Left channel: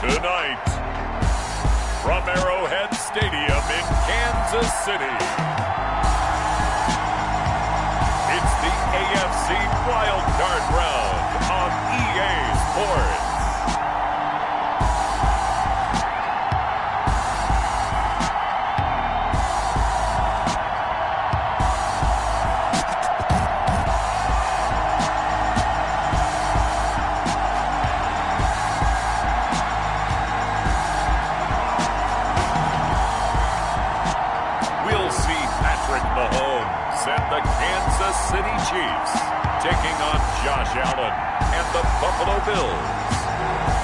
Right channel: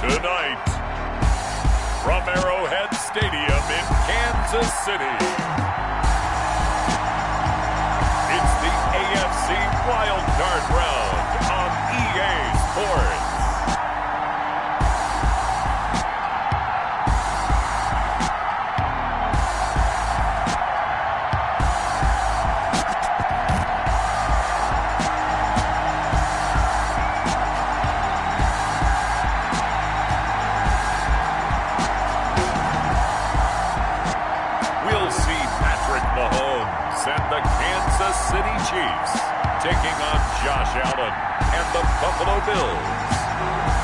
Tonight, from Arrowhead Stadium in Kansas City, it's the AFC Wild Card Round on EA Sports. Mahomes and the Kansas City Chiefs taking on Josh Allen and the Buffalo Bills.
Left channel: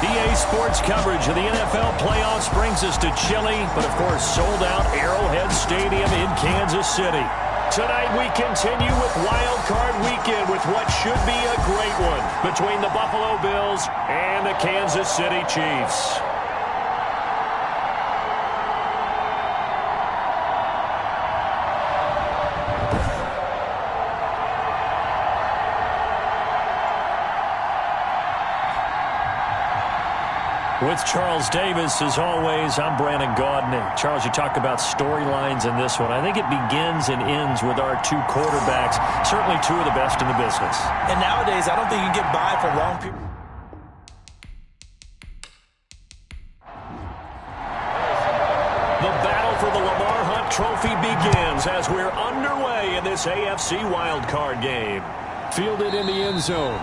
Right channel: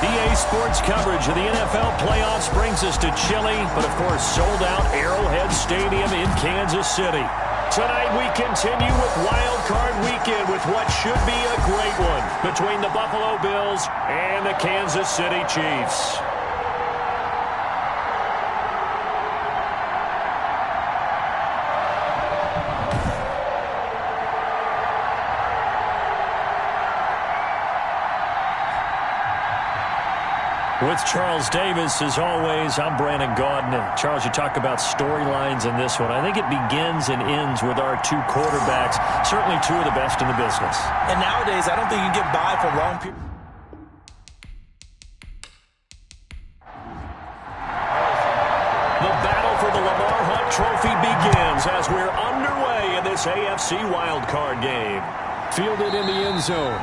EA Sports coverage of the NFL playoffs brings us to chilly, but of course sold out Arrowhead Stadium in Kansas City. Tonight we continue with Wild Card Weekend with what should be a great one between the Buffalo Bills and the Kansas City Chiefs. With Charles Davis, as always, I'm Brandon Gaudin. Charles, you talk about storylines in this one. I think it begins and ends with our two quarterbacks, certainly two of the best in the business. And nowadays, I don't think you can get by for long periods. The battle for the Lamar Hunt Trophy begins as we're underway in this AFC wildcard game. Fielded in the end zone.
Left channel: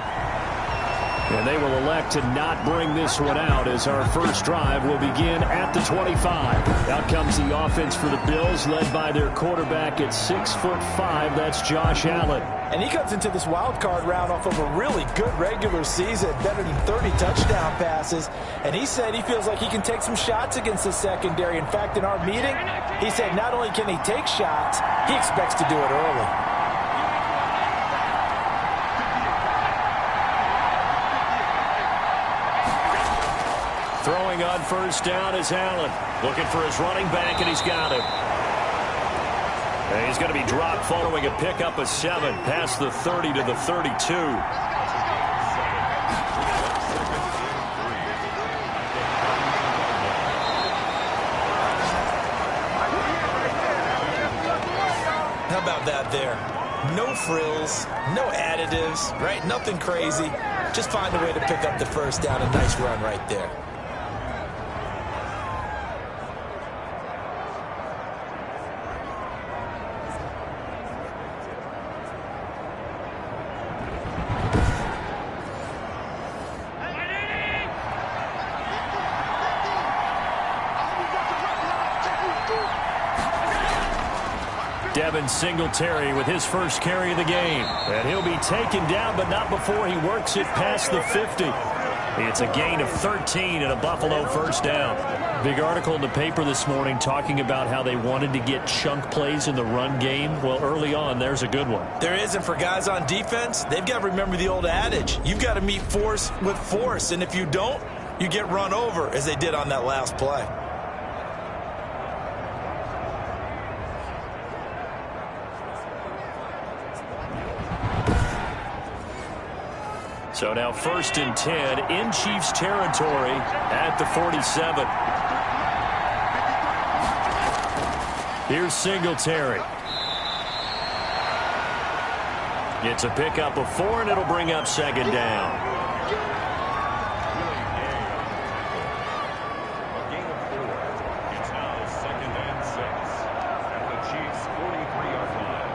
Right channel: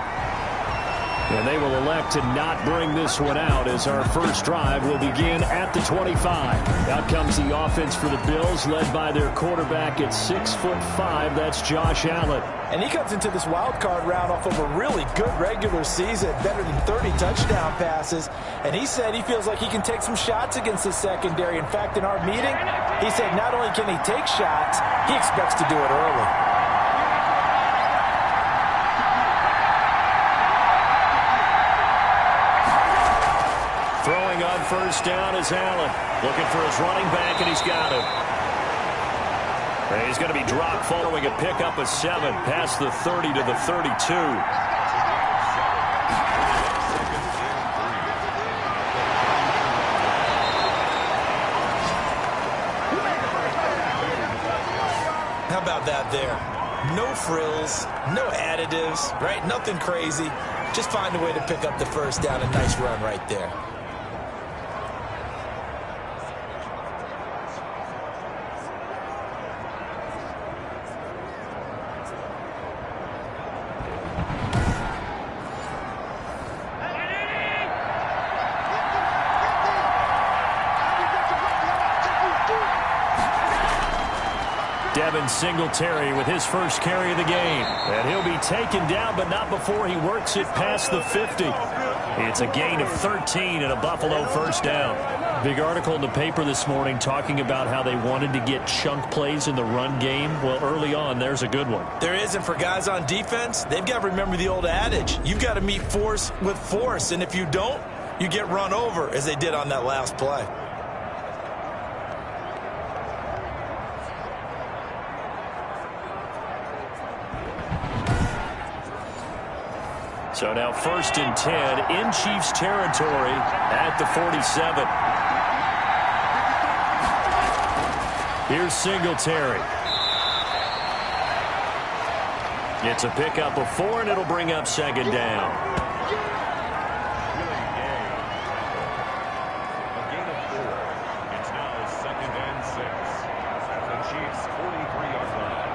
And they will elect to not bring this one out as our first drive will begin at the 25. Out comes the offense for the Bills, led by their quarterback at 6'5". That's Josh Allen. And he comes into this wild card round off of a really good regular season, better than 30 touchdown passes. And he said he feels like he can take some shots against his secondary. In fact, in our meeting, he said not only can he take shots, he expects to do it early. Throwing on first down is Allen. Looking for his running back, and he's got him. And he's going to be dropped following a pickup of 7 past the 30 to the 32. How about that there? No frills, no additives, right? Nothing crazy. Just find a way to pick up the first down. A nice run right there. Devin Singletary with his first carry of the game. And he'll be taken down, but not before he works it past the 50. It's a gain of 13 and a Buffalo first down. Big article in the paper this morning talking about how they wanted to get chunk plays in the run game. Well, early on, there's a good one. There is, and for guys on defense, they've got to remember the old adage. You've got to meet force with force, and if you don't, you get run over, as they did on that last play. So now 1st and 10 in Chiefs territory at the 47. Here's Singletary. It's a pickup of 4, and it'll bring up 2nd down. A gain of 4. It's now 2nd and 6 at the Chiefs' 43-yard line.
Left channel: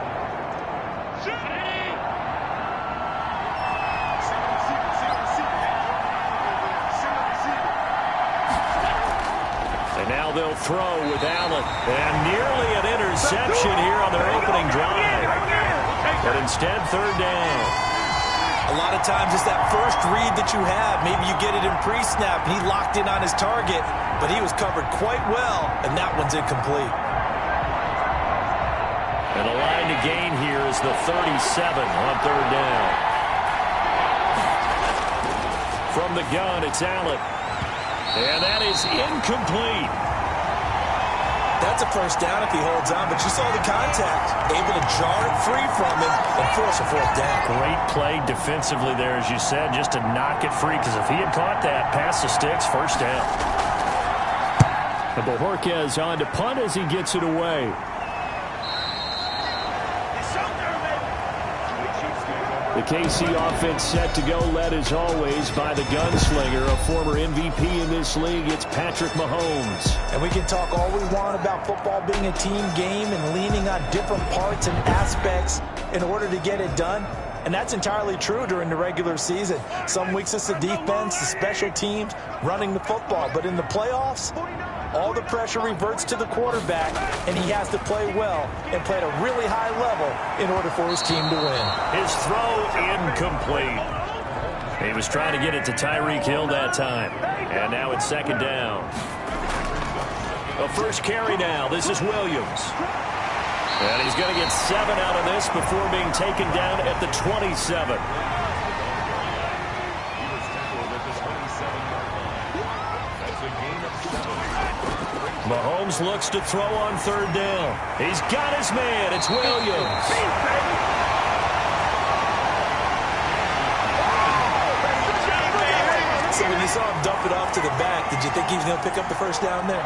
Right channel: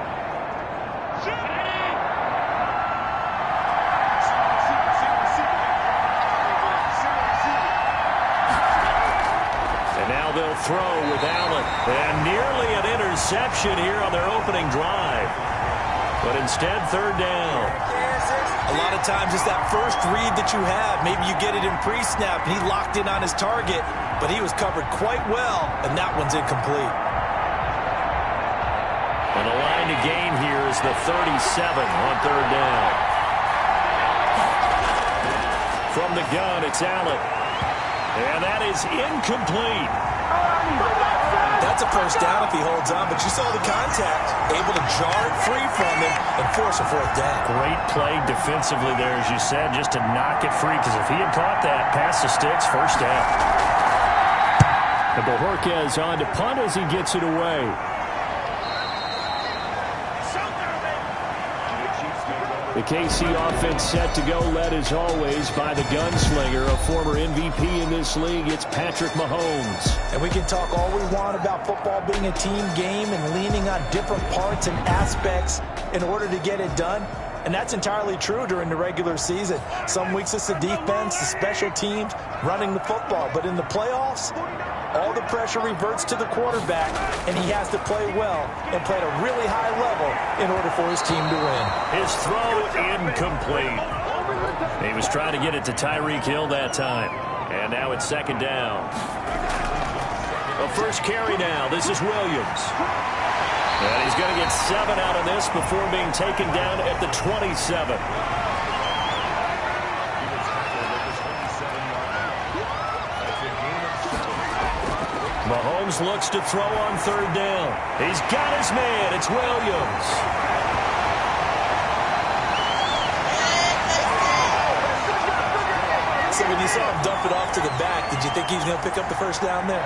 And now they'll throw with Allen. And nearly an interception here on their opening drive. But instead, 3rd down. A lot of times it's that first read that you have. Maybe you get it in pre-snap, and he locked in on his target, but he was covered quite well, and that one's incomplete. And the line to gain here is the 37 on 3rd down. From the gun, it's Allen. And that is incomplete. That's a first down if he holds on, but you saw the contact. Able to jar it free from him and force a fourth down. Great play defensively there, as you said, just to knock it free, because if he had caught that, past the sticks, first down. And Bojorquez on to punt as he gets it away. The KC offense set to go, led as always by the gunslinger, a former MVP in this league. It's Patrick Mahomes. And we can talk all we want about football being a team game and leaning on different parts and aspects in order to get it done. And that's entirely true during the regular season. Some weeks it's the defense, the special teams, running the football. But in the playoffs, all the pressure reverts to the quarterback, and he has to play well and play at a really high level in order for his team to win. His throw incomplete. He was trying to get it to Tyreek Hill that time. And now it's second down. A first carry now. This is Williams. And he's going to get 7 out of this before being taken down at the 27. Mahomes looks to throw on third down. He's got his man. It's Williams. So when you saw him dump it off to the back, did you think he was going to pick up the first down there?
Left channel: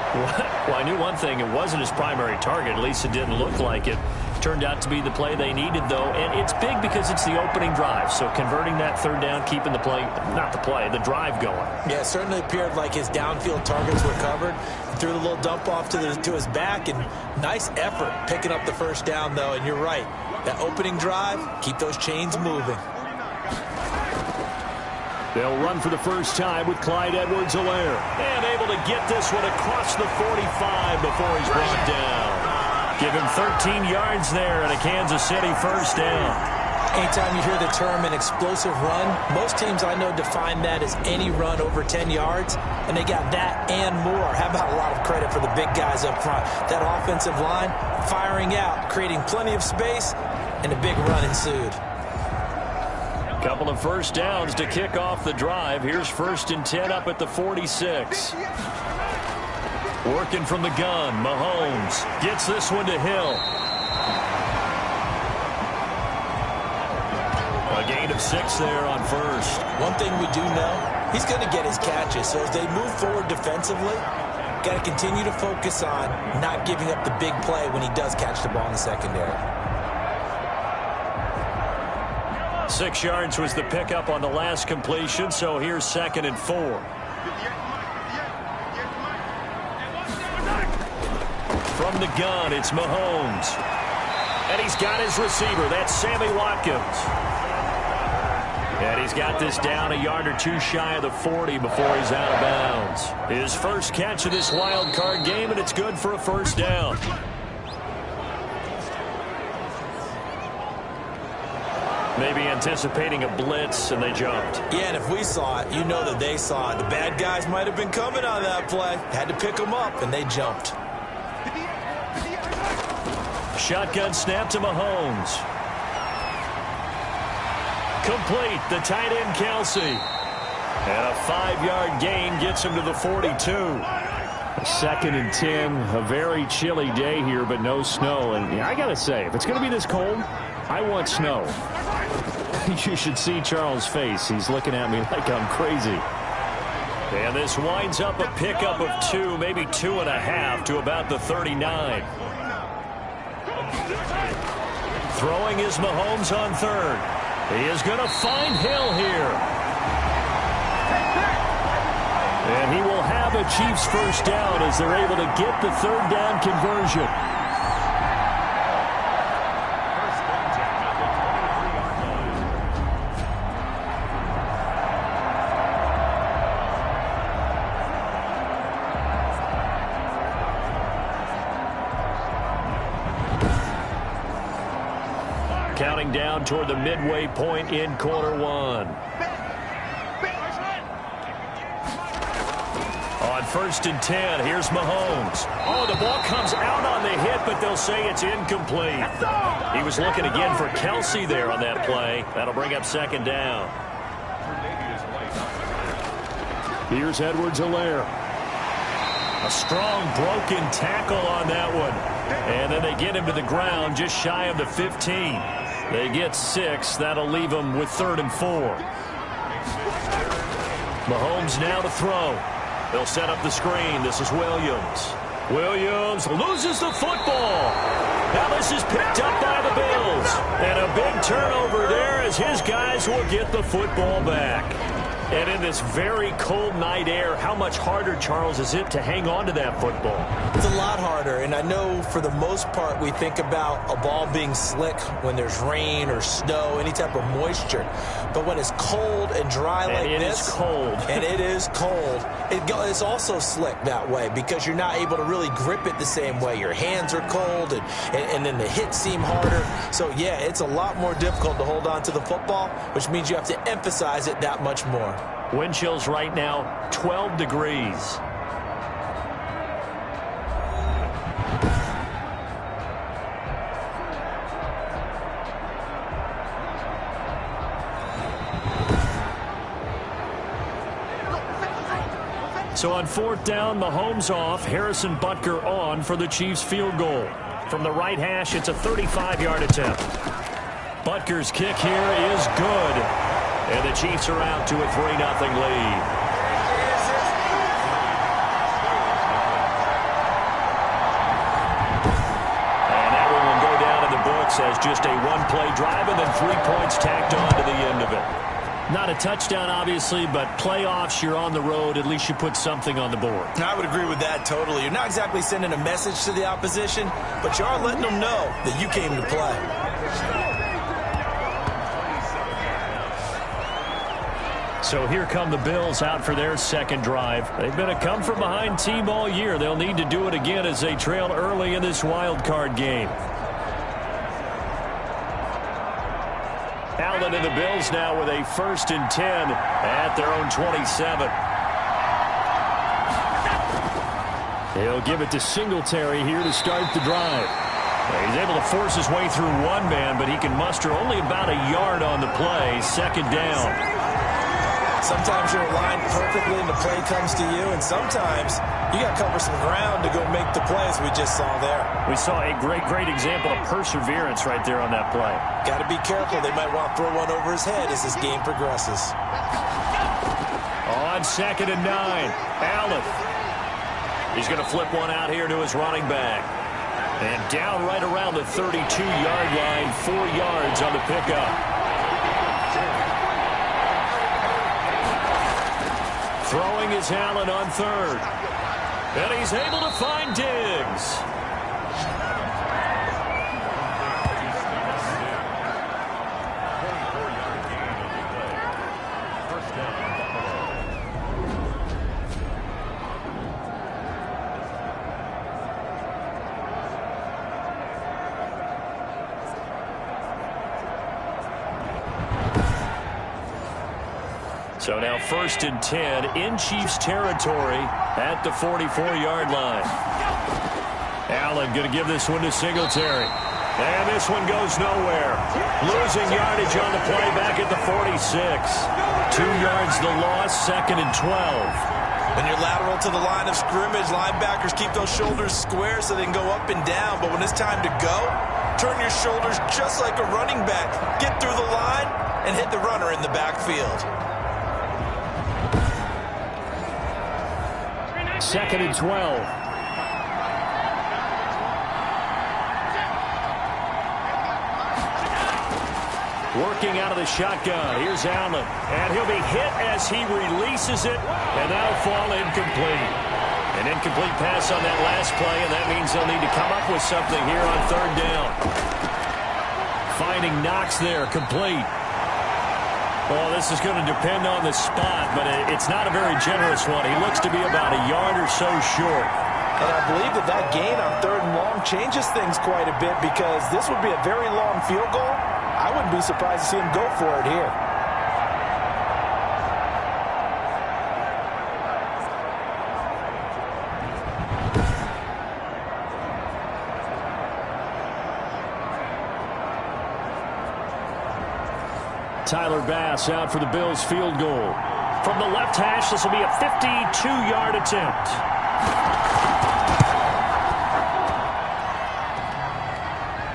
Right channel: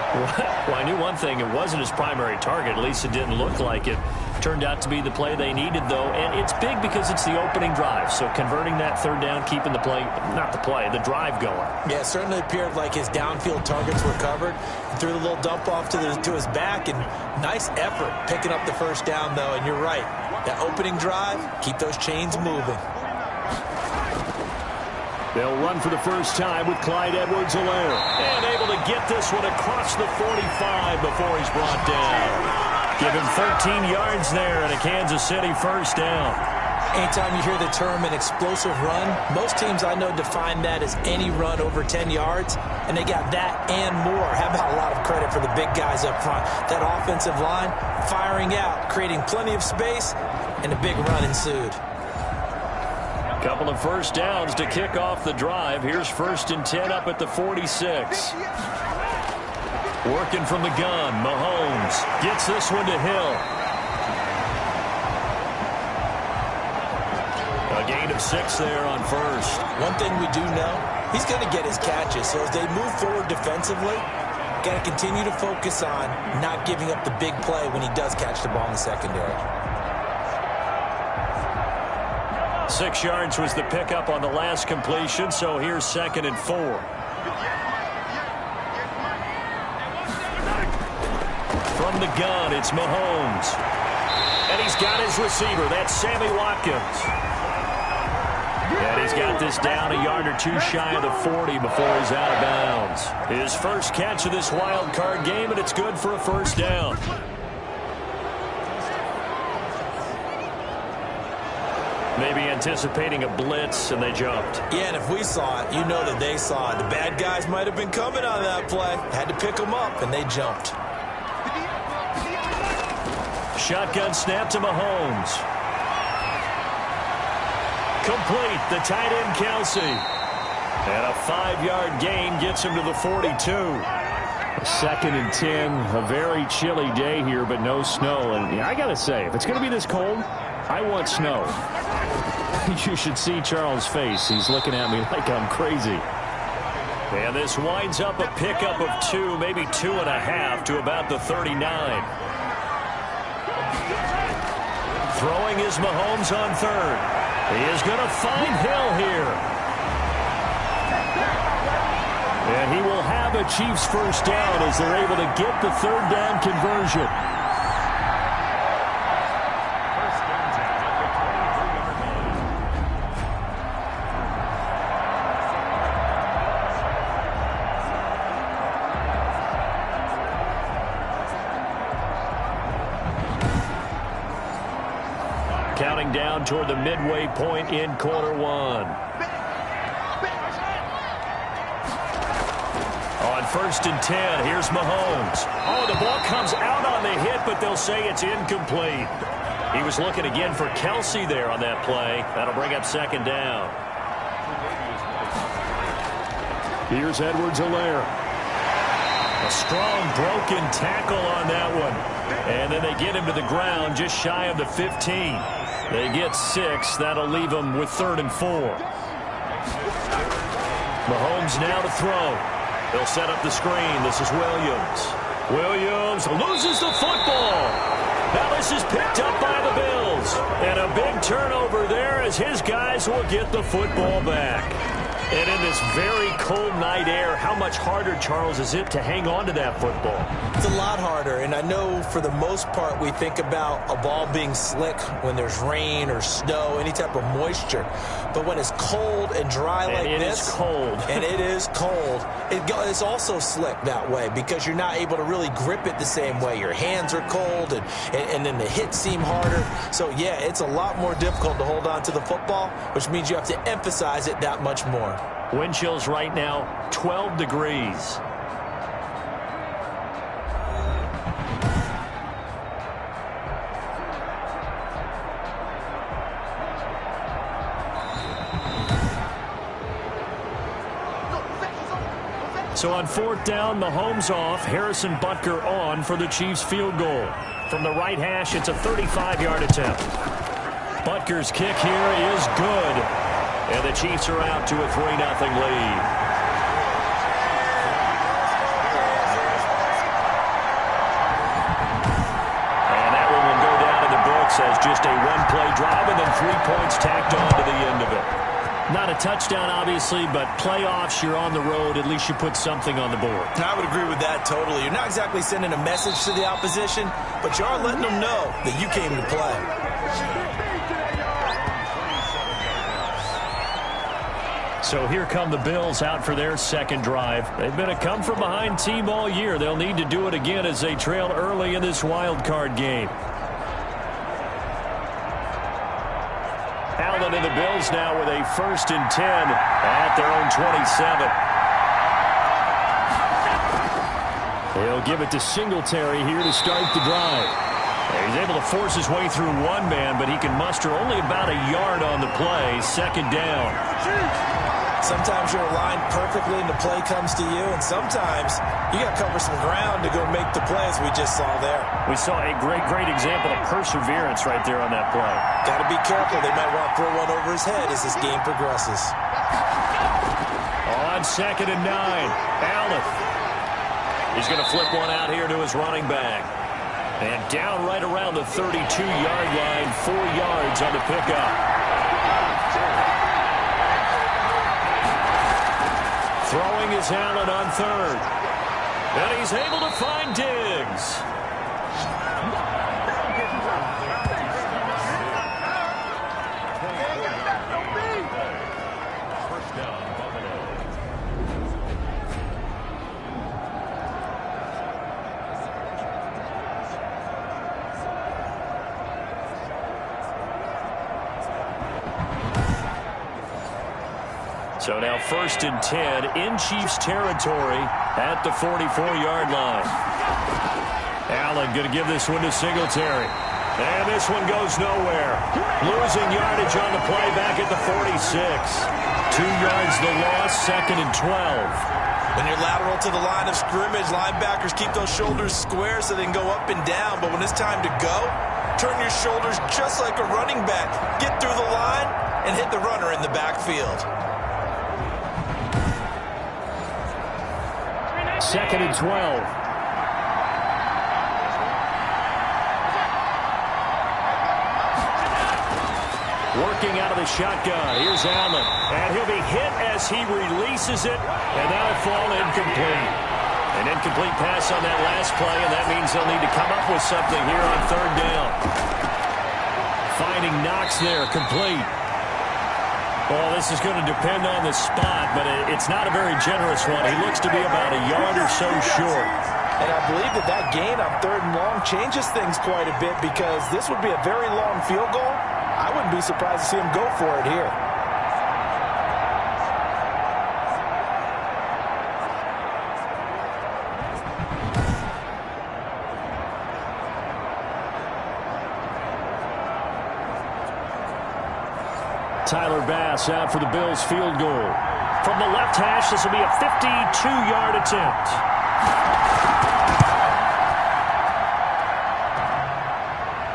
Well, I knew one thing. It wasn't his primary target. At least it didn't look like it. Turned out to be the play they needed, though. And it's big because it's the opening drive. So converting that third down, keeping the play, not the play, the drive going. Yeah, it certainly appeared like his downfield targets were covered. He threw the little dump off to his back, and nice effort picking up the first down, though. And you're right. That opening drive, keep those chains moving. They'll run for the first time with Clyde Edwards-Helaire. And able to get this one across the 45 before he's brought down. Give him 13 yards there and a Kansas City first down. Anytime you hear the term an explosive run, most teams I know define that as any run over 10 yards, and they got that and more. How about a lot of credit for the big guys up front? That offensive line firing out, creating plenty of space, and a big run ensued. Couple of first downs to kick off the drive. Here's 1st and 10 up at the 46. Working from the gun, Mahomes gets this one to Hill. A gain of 6 there on first. One thing we do know, he's going to get his catches. So as they move forward defensively, got to continue to focus on not giving up the big play when he does catch the ball in the secondary. 6 yards was the pickup on the last completion, so here's 2nd and 4. From the gun, it's Mahomes. And he's got his receiver. That's Sammy Watkins. And he's got this down a yard or two shy of the 40 before he's out of bounds. His first catch of this wild card game, and it's good for a first down. Maybe anticipating a blitz, and they jumped. Yeah, and if we saw it, you know that they saw it. The bad guys might have been coming on that play. Had to pick them up, and they jumped. Shotgun snap to Mahomes. Complete, the tight end Kelsey. And a 5-yard gain gets him to the 42. 2nd and 10, a very chilly day here, but no snow. And I got to say, if it's going to be this cold, I want snow. You should see Charles' face. He's looking at me like I'm crazy. And this winds up a pickup of 2, maybe 2.5 to about the 39. Throwing is Mahomes on third. He is going to find Hill here. And he will have a Chiefs first down as they're able to get the third down conversion. Counting down toward the midway point in quarter one. On 1st and 10, here's Mahomes. Oh, the ball comes out on the hit, but they'll say it's incomplete. He was looking again for Kelsey there on that play. That'll bring up 2nd down. Here's Edwards-Helaire. A strong broken tackle on that one. And then they get him to the ground just shy of the 15. They get 6. That'll leave them with 3rd and 4. Mahomes now to throw. They'll set up the screen. This is Williams. Williams loses the football. Now this is picked up by the Bills. And a big turnover there as his guys will get the football back. And in this very cold night air, how much harder, Charles, is it to hang on to that football? It's a lot harder, and I know for the most part we think about a ball being slick when there's rain or snow, any type of moisture. But when it's cold and dry like this, it is cold. And it is cold, it's also slick that way because you're not able to really grip it the same way. Your hands are cold, and then the hits seem harder. So, yeah, it's a lot more difficult to hold on to the football, which means you have to emphasize it that much more. Wind chills right now, 12 degrees. So on 4th down, Mahomes off, Harrison Butker on for the Chiefs field goal. From the right hash, it's a 35-yard attempt. Butker's kick here is good. And the Chiefs are out to a 3-0 lead. And that one will go down in the books as just a one-play drive and then 3 points tacked on to the end of it. Not a touchdown, obviously, but playoffs, you're on the road. At least you put something on the board. I would agree with that totally. You're not exactly sending a message to the opposition, but you are letting them know that you came to play. So here come the Bills out for their second drive. They've been a come-from-behind team all year. They'll need to do it again as they trail early in this wild card game. Allen and the Bills now with a 1st and 10 at their own 27. He'll give it to Singletary here to start the drive. He's able to force his way through one man, but he can muster only about a yard on the play. 2nd down. Sometimes you're aligned perfectly and the play comes to you, and sometimes you got to cover some ground to go make the plays we just saw there. We saw a great example of perseverance right there on that play. Got to be careful. They might want to throw one over his head as this game progresses. On 2nd and 9, Allen. He's going to flip one out here to his running back. And down right around the 32-yard line, 4 yards on the pickup. Throwing is Allen on 3rd. And he's able to find Diggs. First down, Buffalo. So now 1st and 10 in Chiefs territory at the 44-yard line. Allen going to give this one to Singletary. And this one goes nowhere. Losing yardage on the play back at the 46. 2 yards the loss, 2nd and 12. When you're lateral to the line of scrimmage, linebackers keep those shoulders square so they can go up and down. But when it's time to go, turn your shoulders just like a running back. Get through the line and hit the runner in the backfield. 2nd and 12. Working out of the shotgun. Here's Allen. And he'll be hit as he releases it. And that'll fall incomplete. An incomplete pass on that last play, and that means they'll need to come up with something here on 3rd down. Finding Knox there, complete. Well, this is going to depend on the spot, but it's not a very generous one. He looks to be about a yard or so short. And I believe that gain on 3rd and long changes things quite a bit because this would be a very long field goal. I wouldn't be surprised to see him go for it here. Tyler Bass out for the Bills field goal. From the left hash, this will be a 52-yard attempt.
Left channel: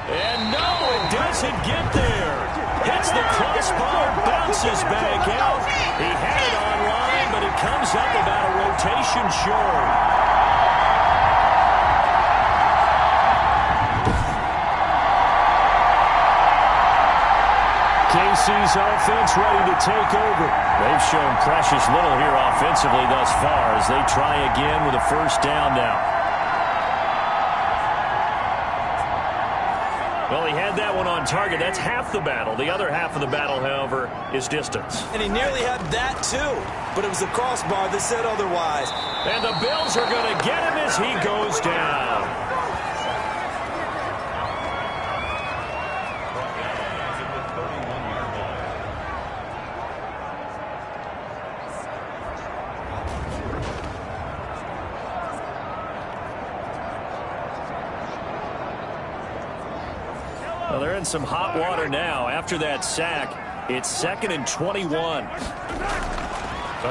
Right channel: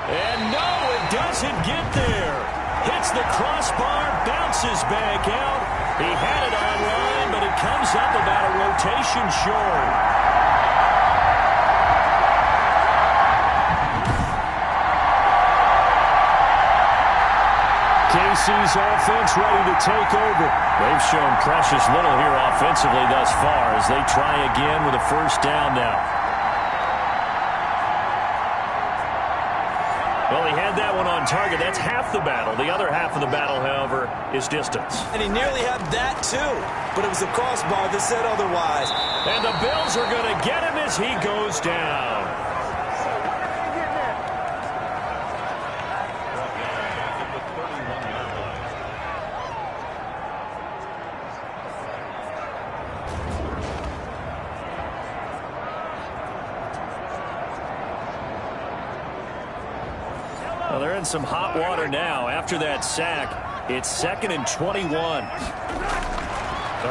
And no, it doesn't get there. Hits the crossbar, bounces back out. He had it online, but it comes up about a rotation short. KC's offense ready to take over. They've shown precious little here offensively thus far as they try again with a first down now. Well, he had that one on target. That's half the battle. The other half of the battle, however, is distance. And he nearly had that, too. But it was the crossbar that said otherwise. And the Bills are going to get him as he goes down. Well, they're in some hot water now. After that sack, it's 2nd and 21.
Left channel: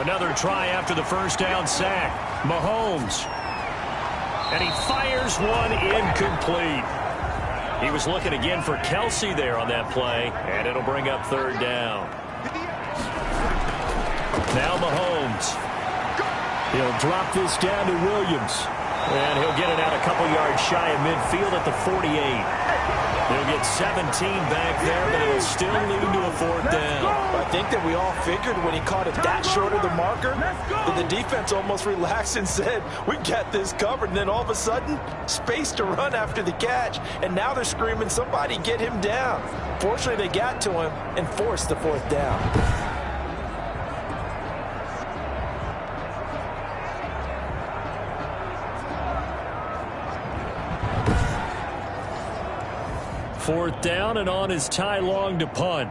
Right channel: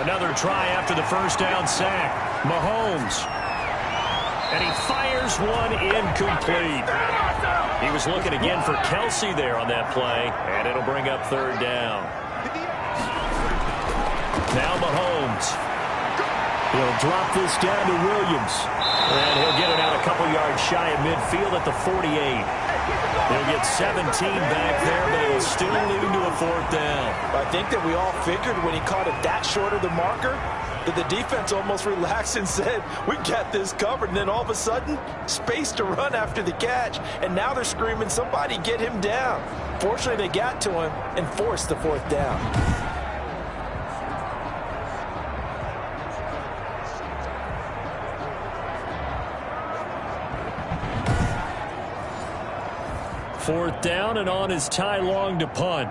Another try after the first down sack. Mahomes. And he fires one incomplete. He was looking again for Kelsey there on that play, and it'll bring up 3rd down. Now Mahomes. He'll drop this down to Williams. And he'll get it out a couple yards shy of midfield at the 48. He'll get 17 back there, but it'll still lead to a 4th down. I think that we all figured when he caught it that short of the marker that the defense almost relaxed and said, we got this covered. And then all of a sudden, space to run after the catch. And now they're screaming, somebody get him down. Fortunately, they got to him and forced the 4th down. Fourth down, and on is Ty Long to punt.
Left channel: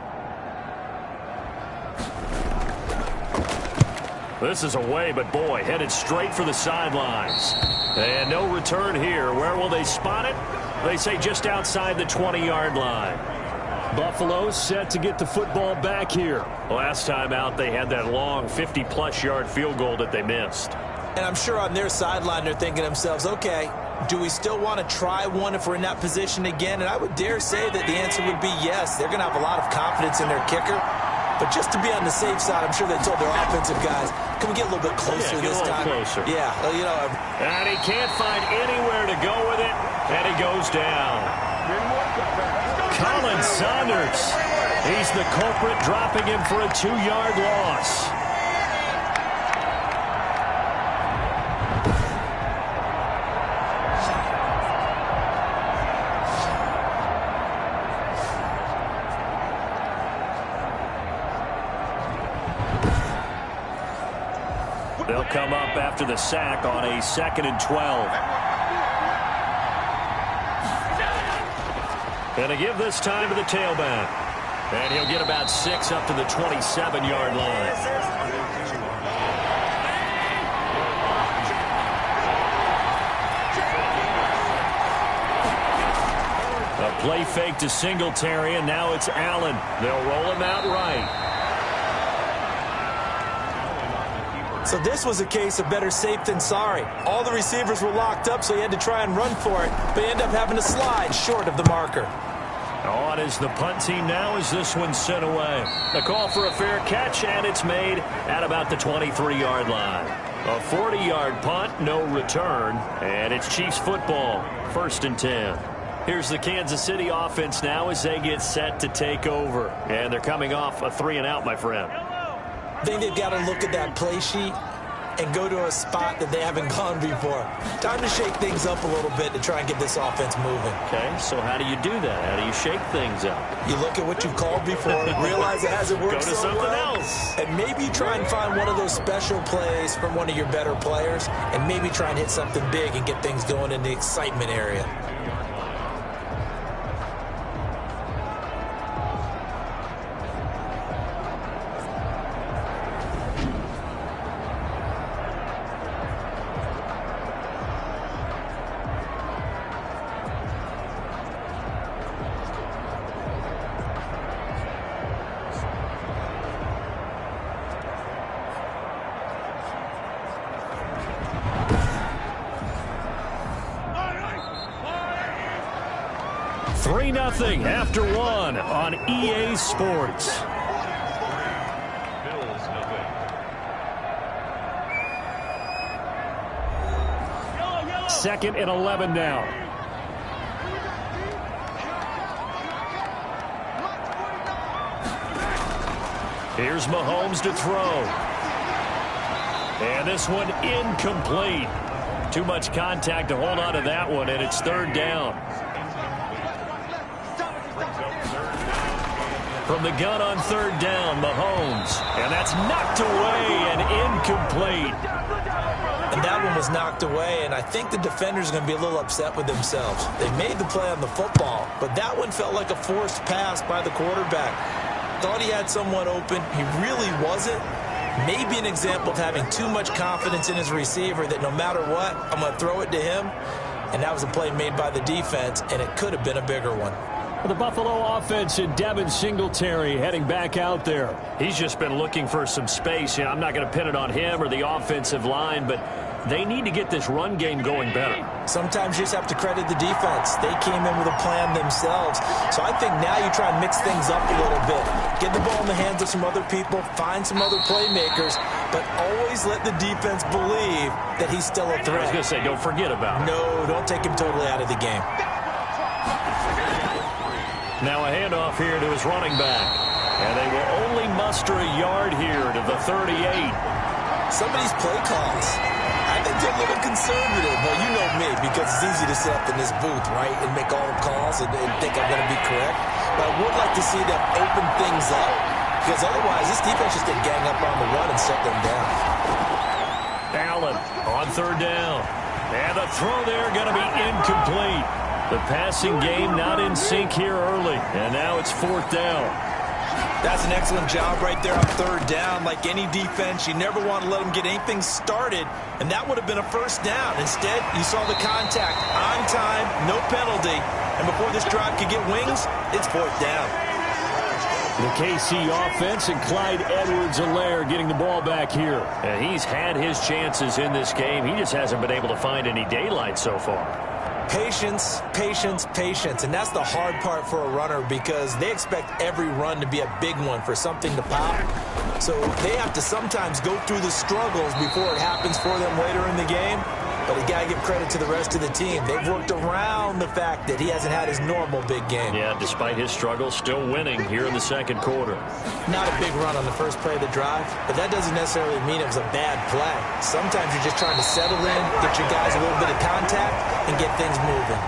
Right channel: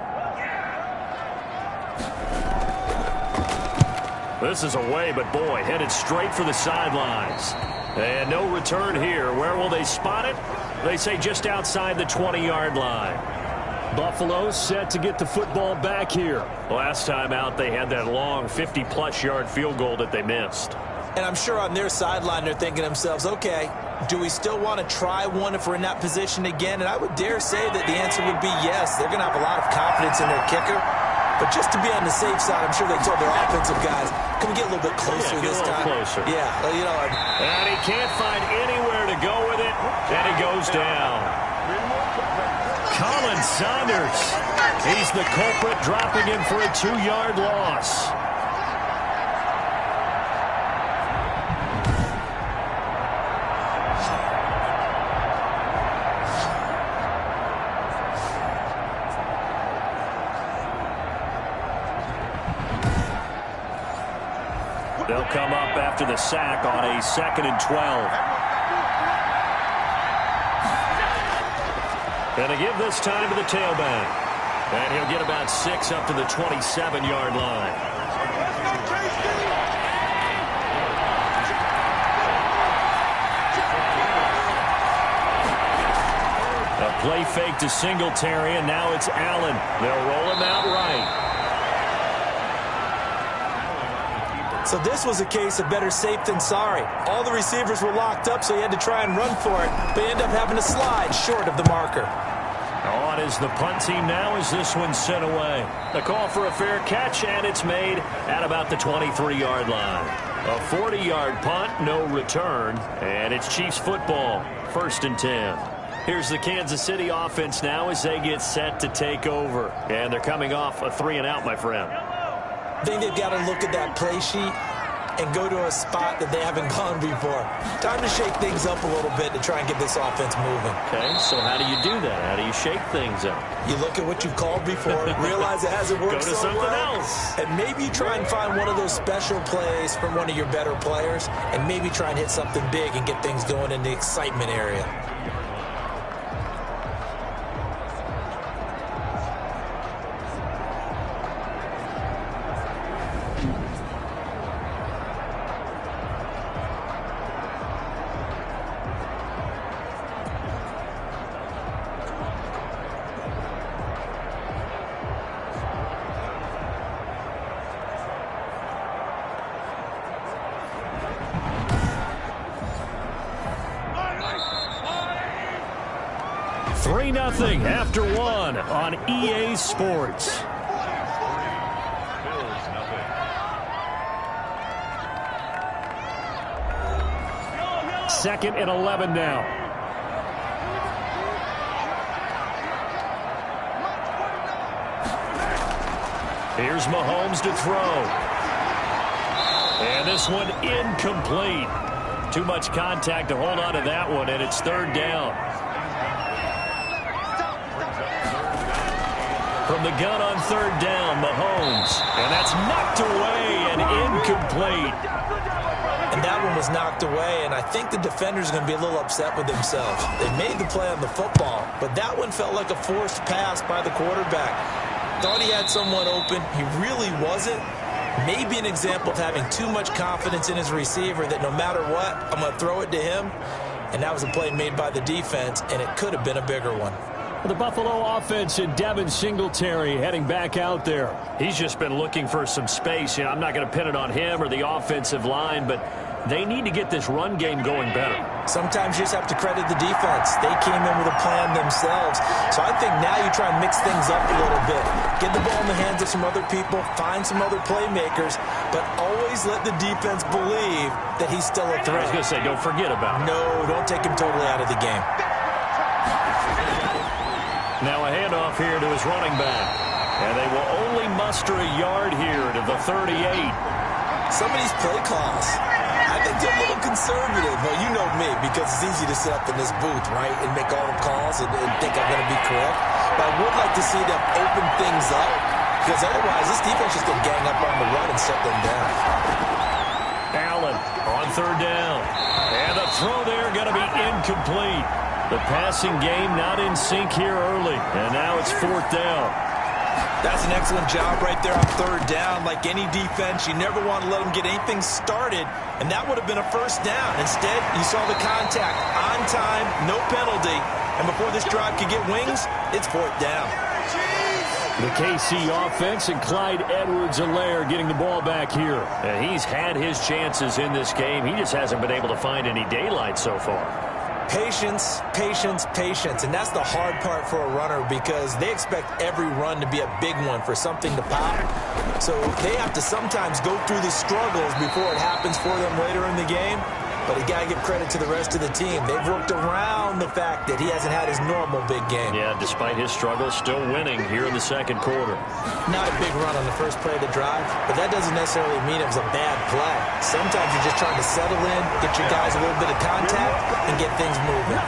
This is away, but boy, headed straight for the sidelines. And no return here. Where will they spot it? They say just outside the 20-yard line. Buffalo set to get the football back here. Last time out, they had that long 50-plus yard field goal that they missed. And I'm sure on their sideline they're thinking to themselves, okay, do we still want to try one if we're in that position again? And I would dare say that the answer would be yes. They're going to have a lot of confidence in their kicker. But just to be on the safe side, I'm sure they told their offensive guys, can we get a little bit closer this time? Closer. Yeah, you know. And he can't find anywhere to go with it, and he goes down. Colin Saunders. He's the culprit, dropping him for a 2-yard loss. They'll come up after the sack on a 2nd and 12. And to give this time to the tailback. And he'll get about 6 up to the 27-yard line. A play fake to Singletary, and now it's Allen. They'll roll him out right. So this was a case of better safe than sorry. All the receivers were locked up, so he had to try and run for it. But he ended up having to slide short of the marker. On is the punt team now as this one's sent away. A call for a fair catch, and it's made at about the 23-yard line. A 40-yard punt, no return, and it's Chiefs football, 1st and 10. Here's the Kansas City offense now as they get set to take over. And they're coming off a 3-and-out, my friend. I think they've got to look at that play sheet and go to a spot that they haven't gone before. Time to shake things up a little bit to try and get this offense moving. Okay, so how do you do that? How do you shake things up? You look at what you've called before, realize it hasn't worked so so something well, else. and maybe try and find one of those special plays from one of your better players, and maybe try and hit something big and get things going in the excitement area. 3-0 after one on EA Sports. Second and 11 now. Here's Mahomes to throw. And this one incomplete. Too much contact to hold on to that one, and it's third down. From the gun on third down, Mahomes. And that's knocked away and incomplete. And that one was knocked away, and I think the defender's going to be a little upset with themselves. They made the play on the football, but that one felt like a forced pass by the quarterback. Thought he had someone open. He really wasn't. Maybe an example of having too much confidence in his receiver that no matter what, I'm going to throw it to him. And that was a play made by the defense, and it could have been a bigger one. The Buffalo offense and Devin Singletary heading back out there. He's just been looking for some space. I'm not going to pin it on him or the offensive line, but they need to get this run game going better. Sometimes you just have to credit the defense. They came in with a plan themselves. So I think now you try and mix things up a little bit. Get the ball in the hands of some other people, find some other playmakers, but always let the defense believe that he's still a threat. I was going to say, don't forget about it. No, don't take him totally out of the game. Now a handoff here to his running back. And they will only muster a yard here to the 38. Some of these play calls, I think they're a little conservative. Well, you know me, because it's easy to sit up in this booth, right, and make all the calls and think I'm going to be correct. But I would like to see them open things up, because otherwise this defense just going to gang up on the run and shut them down. Allen on third down. And the throw there going to be incomplete. The passing game not in sync here early. And now it's fourth down. That's an excellent job right there on third down. Like any defense, you never want to let them get anything started, and that would have been a first down. Instead, you saw the contact on time, no penalty, and before this drive could get wings, it's fourth down. The KC offense and Clyde Edwards-Helaire getting the ball back here. And he's had his chances in this game. He just hasn't been able to find any daylight so far. Patience, patience, patience. And that's the hard part for a runner, because they expect every run to be a big one for something to pop. So they have to sometimes go through the struggles before it happens for them later in the game. But you got to give credit to the rest of the team. They've worked around the fact that he hasn't had his normal big game. Yeah, despite his struggles, still winning here in the second quarter. Not a big run on the first play of the drive, but that doesn't necessarily mean it was a bad play. Sometimes you're just trying to settle in, get your guys a little bit of contact, and get things moving.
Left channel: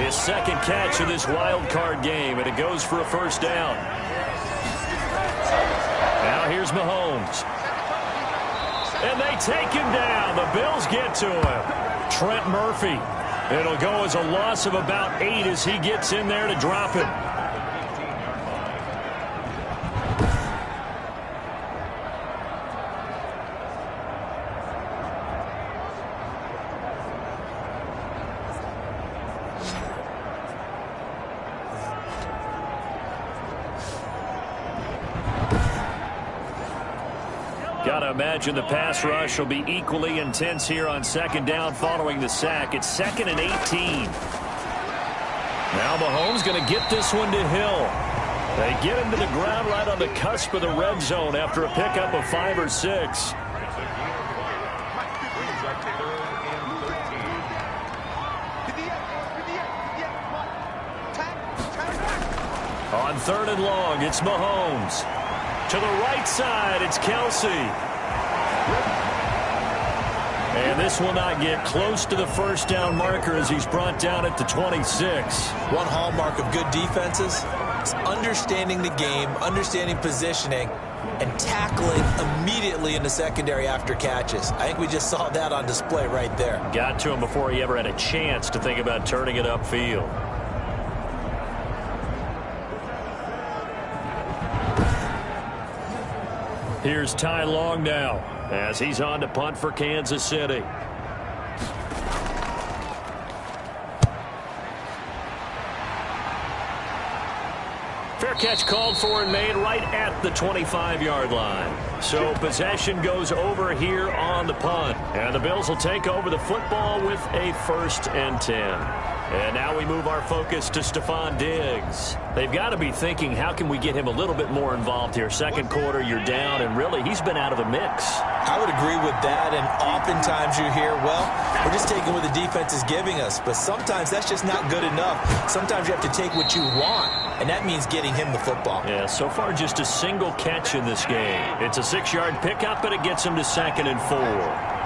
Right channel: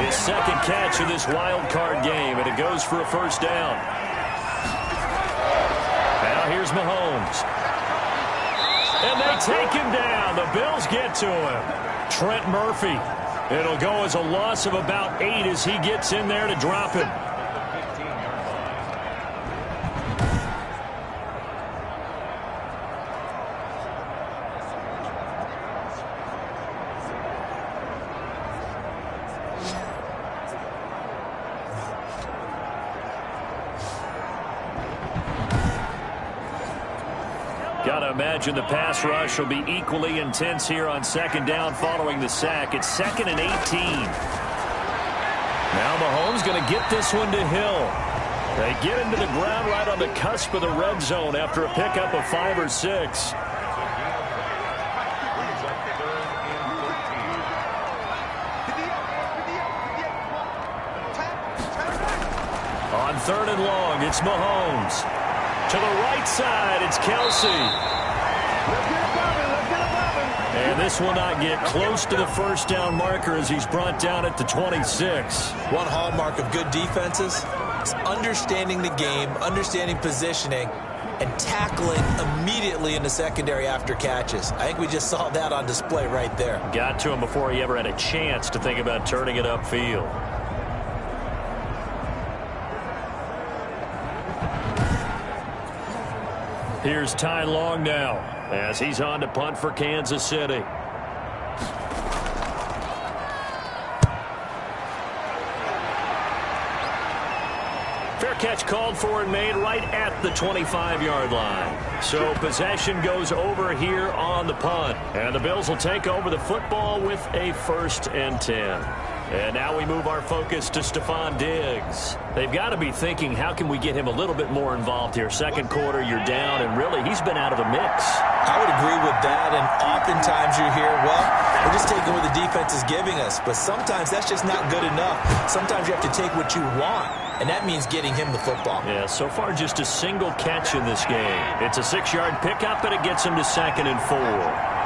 His second catch of this wild card game, and it goes for a first down. Now here's Mahomes. And they take him down. The Bills get to him. Trent Murphy. It'll go as a loss of about 8 as he gets in there to drop him. Got to imagine the pass rush will be equally intense here on second down following the sack. It's 2nd and 18. Now Mahomes going to get this one to Hill. They get him to the ground right on the cusp of the red zone after a pickup of 5 or 6. On 3rd and long, it's Mahomes. To the right side, it's Kelsey. And this will not get close to the first down marker as he's brought down at the 26. One hallmark of good defenses is understanding the game, understanding positioning, and tackling immediately in the secondary after catches. I think we just saw that on display right there. Got to him before he ever had a chance to think about turning it upfield. Here's Ty Long now as he's on to punt for Kansas City. Fair catch called for and made right at the 25-yard line. So possession goes over here on the punt. And the Bills will take over the football with a 1st and 10. And now we move our focus to Stefon Diggs. They've got to be thinking, how can we get him a little bit more involved here? Second quarter, you're down, and really, he's been out of the mix. I would agree with that, and oftentimes you hear, well, we're just taking what the defense is giving us. But sometimes that's just not good enough. Sometimes you have to take what you want, and that means getting him the football. Yeah, so far just a single catch in this game. It's a 6-yard pickup, and it gets him to 2nd and 4.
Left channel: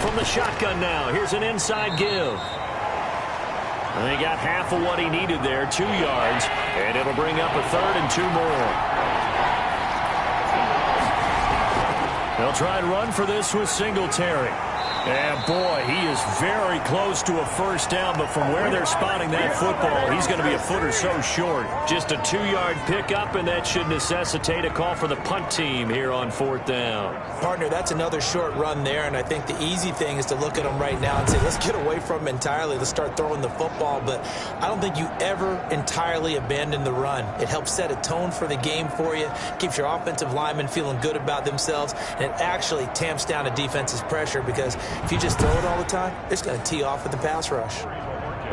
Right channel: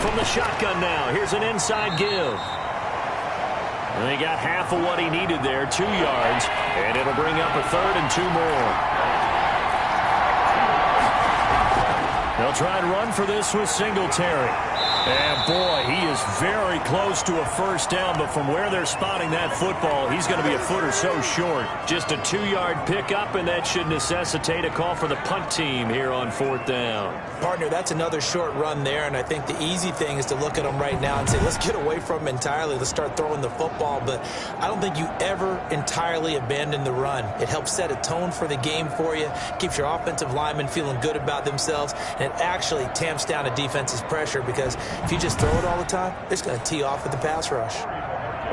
From the shotgun now, here's an inside give. And he got half of what he needed there, 2 yards, and it'll bring up a 3rd and 2 more. They'll try and run for this with Singletary. And, boy, he is very close to a 1st down, but from where they're spotting that football, he's going to be a foot or so short. Just a 2-yard pickup, and that should necessitate a call for the punt team here on 4th down. Partner, that's another short run there, and I think the easy thing is to look at him right now and say, let's get away from him entirely. Let's start throwing the football, but I don't think you ever entirely abandon the run. It helps set a tone for the game for you, keeps your offensive linemen feeling good about themselves, and it actually tamps down a defense's pressure because if you just throw it all the time, it's going to tee off with the pass rush.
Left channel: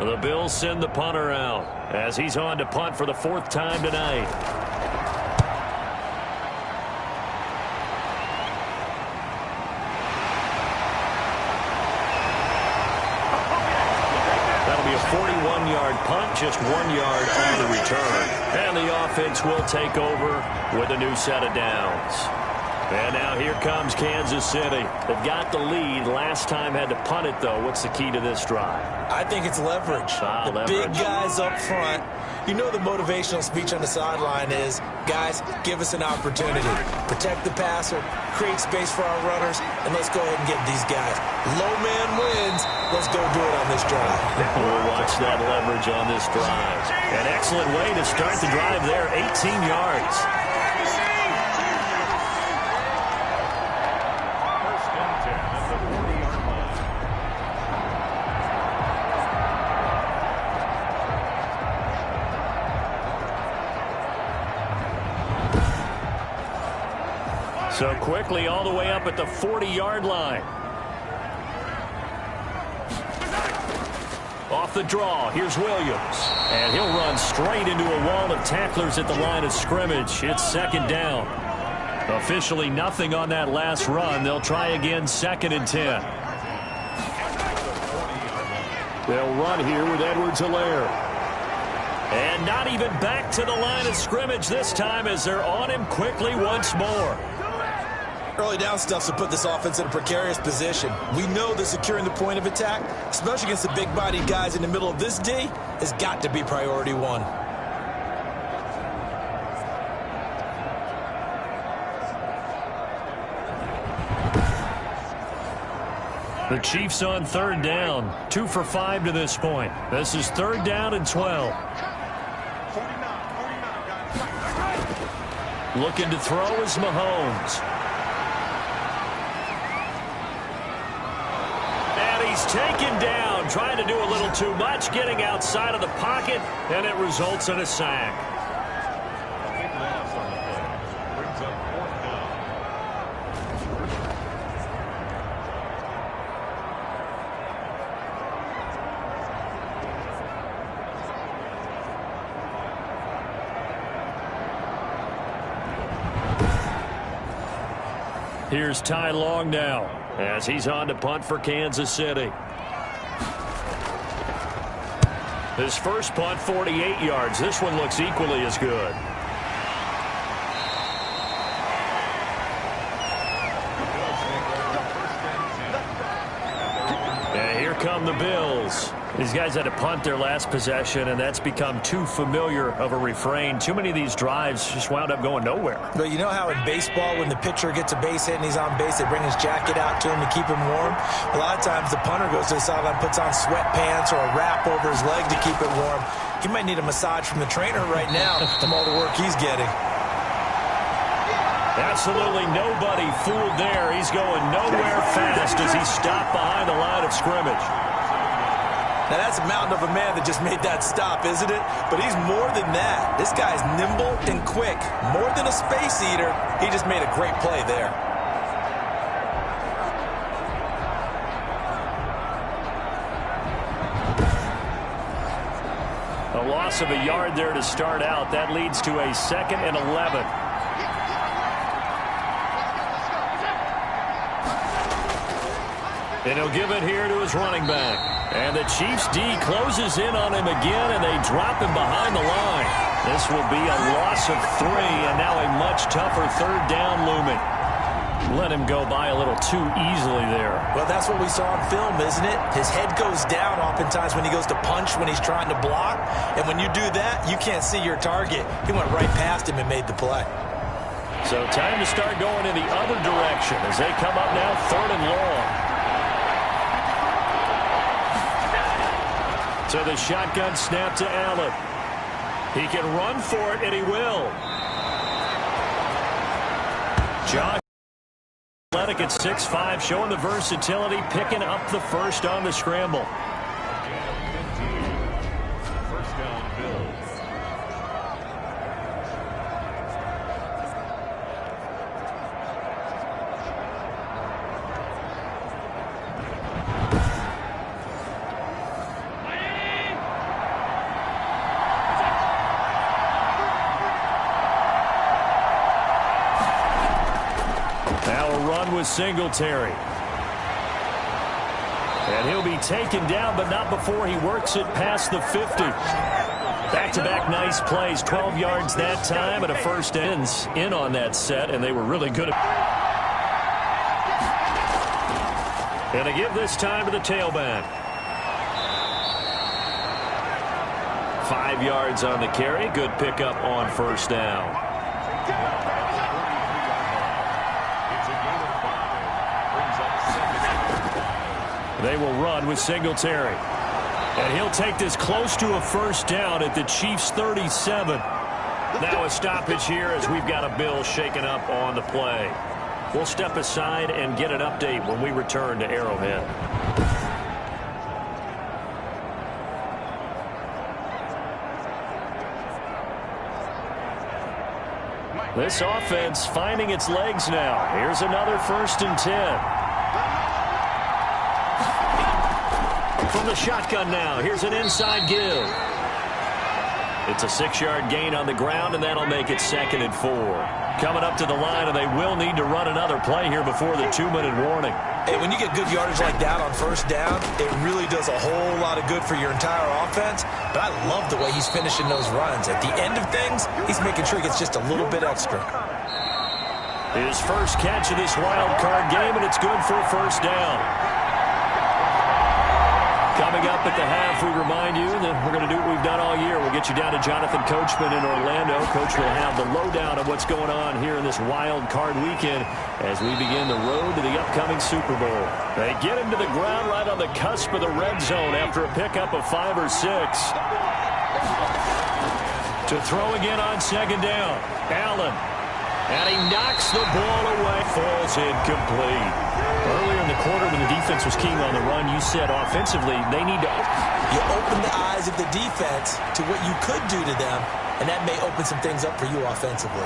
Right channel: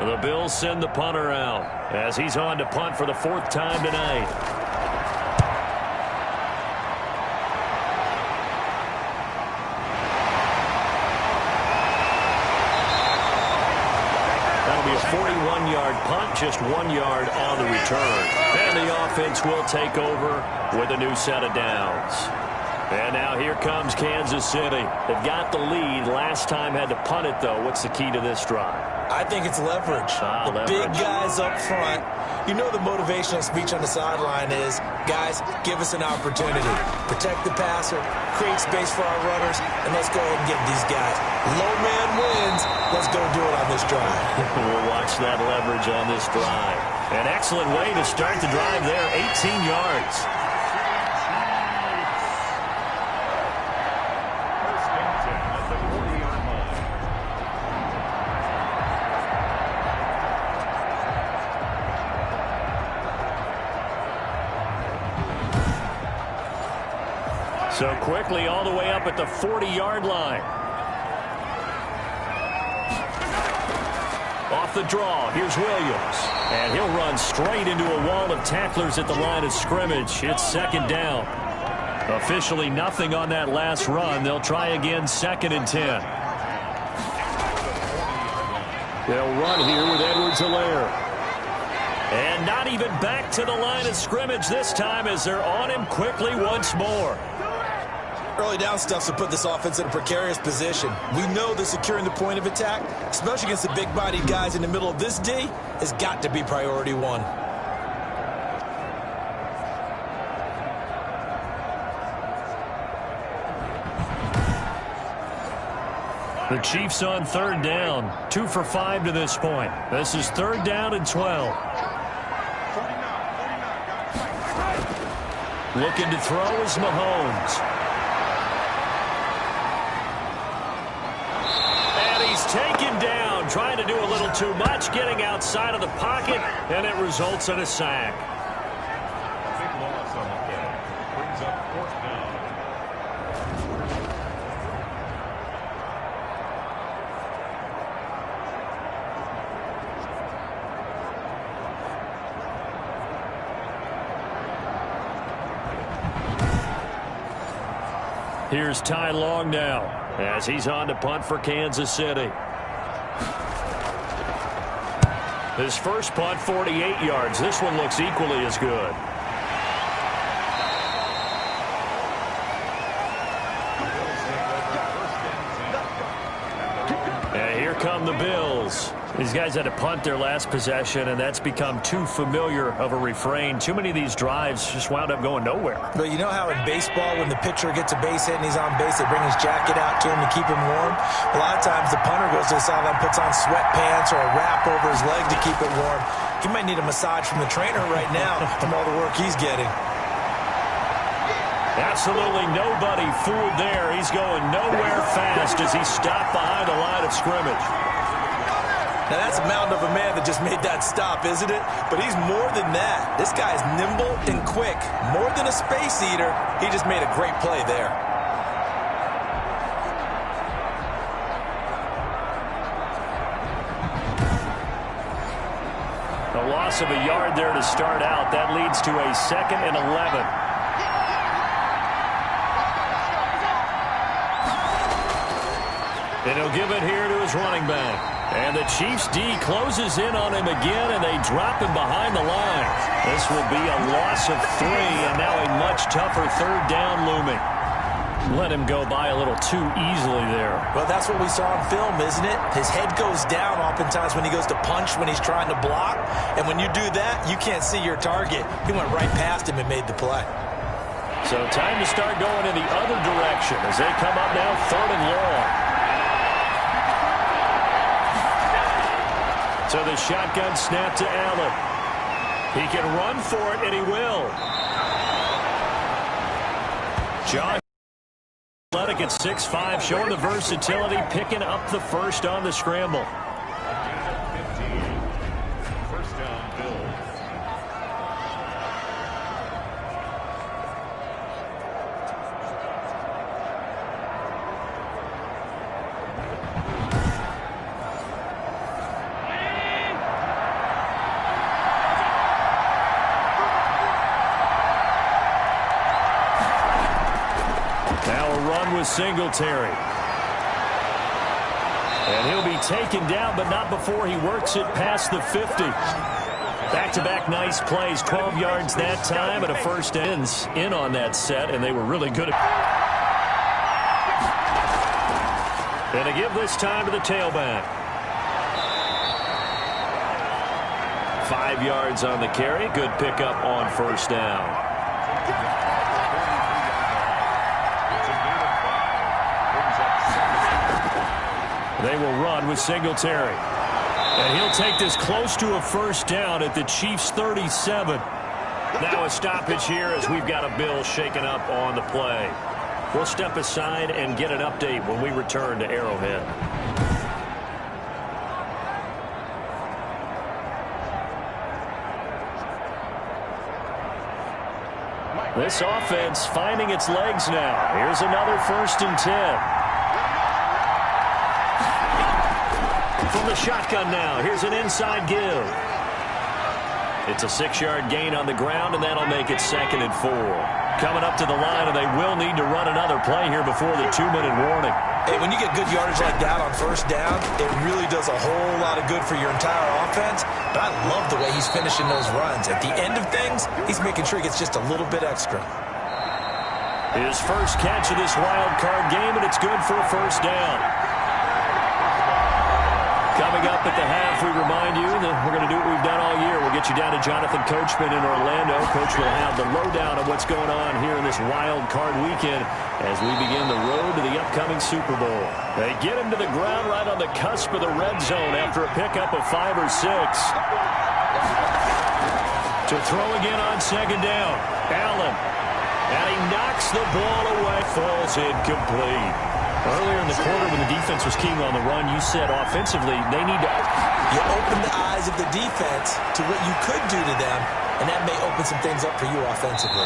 The Bills send the punter out as he's on to punt for the 4th time tonight. That'll be a 41-yard punt, just 1 yard on the return. And the offense will take over with a new set of downs. And now here comes Kansas City. They've got the lead. Last time had to punt it, though. What's the key to this drive? I think it's leverage. The big guys up front. You know the motivational speech on the sideline is, guys, give us an opportunity. Protect the passer, create space for our runners, and let's go ahead and get these guys. Low man wins. Let's go do it on this drive. We'll watch that leverage on this drive. An excellent way to start the drive there, 18 yards. So quickly all the way up at the 40-yard line. Off the draw, here's Williams. And he'll run straight into a wall of tacklers at the line of scrimmage. It's 2nd down. Officially nothing on that last run. They'll try again, 2nd and 10. They'll run here with Edwards-Helaire. And not even back to the line of scrimmage this time as they're on him quickly once more. Early down stuff to put this offense in a precarious position. We know that securing the point of attack, especially against the big-bodied guys in the middle of this D, has got to be priority 1. The Chiefs on 3rd down. 2 for 5 to this point. This is 3rd down and 12. Looking to throw is Mahomes. And he's taken down, trying to do a little too much, getting outside of the pocket, and it results in a sack. A big loss on the play. Brings up 4th down. Here's Ty Long now as he's on to punt for Kansas City. His first punt, 48 yards. This one looks equally as good. And here come the Bills. These guys had to punt their last possession, and that's become too familiar of a refrain. Too many of these drives just wound up going nowhere. But you know how in baseball, when the pitcher gets a base hit and he's on base, they bring his jacket out to him to keep him warm? A lot of times the punter goes to the sideline, puts on sweatpants or a wrap over his leg to keep it warm. He might need a massage from the trainer right now from all the work he's getting. Absolutely nobody fooled there. He's going nowhere fast as he stopped behind the line of scrimmage. Now, that's a mountain of a man that just made that stop, isn't it? But he's more than that. This guy's nimble and quick. More than a space eater, he just made a great play there. A loss of a yard there to start out. That leads to a 2nd and 11. And he'll give it here to his running back. And the Chiefs D closes in on him again, and they drop him behind the line. This will be a loss of 3, and now a much tougher 3rd down looming. Let him go by a little too easily there. Well, that's what we saw on film, isn't it? His head goes down oftentimes when he goes to punch, when he's trying to block. And when you do that, you can't see your target. He went right past him and made the play. So time to start going in the other direction as they come up now 3rd and long. So the shotgun snap to Allen. He can run for it, and he will. Josh Athletic at 6'5", showing the versatility, picking up the first on the scramble. A gain of 15. First down, Bills. Now a run with Singletary. And he'll be taken down, but not before he works it past the 50. Back-to-back nice plays, 12 yards that time, and a first ends in on that set, and they were really good. And they give this time to the tailback. 5 yards on the carry. Good pickup on first down. They will run with Singletary. And he'll take this close to a first down at the Chiefs' 37. Now a stoppage here as we've got a Bill shaken up on the play. We'll step aside and get an update when we return to Arrowhead. This offense finding its legs now. Here's another 1st and 10. From the shotgun now, here's an inside give. It's a 6-yard gain on the ground, and that'll make it 2nd and 4. Coming up to the line, and they will need to run another play here before the 2-minute warning. Hey, when you get good yardage like that on first down, it really does a whole lot of good for your entire offense. But I love the way he's finishing those runs. At the end of things, he's making sure he gets just a little bit extra. His first catch of this wild card game, and it's good for a first down. Coming up at the half, we remind you that we're going to do what we've done all year. We'll get you down to Jonathan Coachman in Orlando. Coach will have the lowdown of what's going on here in this wild card weekend as we begin the road to the upcoming Super Bowl. They get him to the ground right on the cusp of the red zone after a pickup of 5 or 6. To throw again on 2nd down. Allen. And he knocks the ball away. Falls incomplete. Earlier in the quarter when the defense was keying on the run, you said offensively they need to... You open the eyes of the defense to what you could do to them, and that may open some things up for you offensively.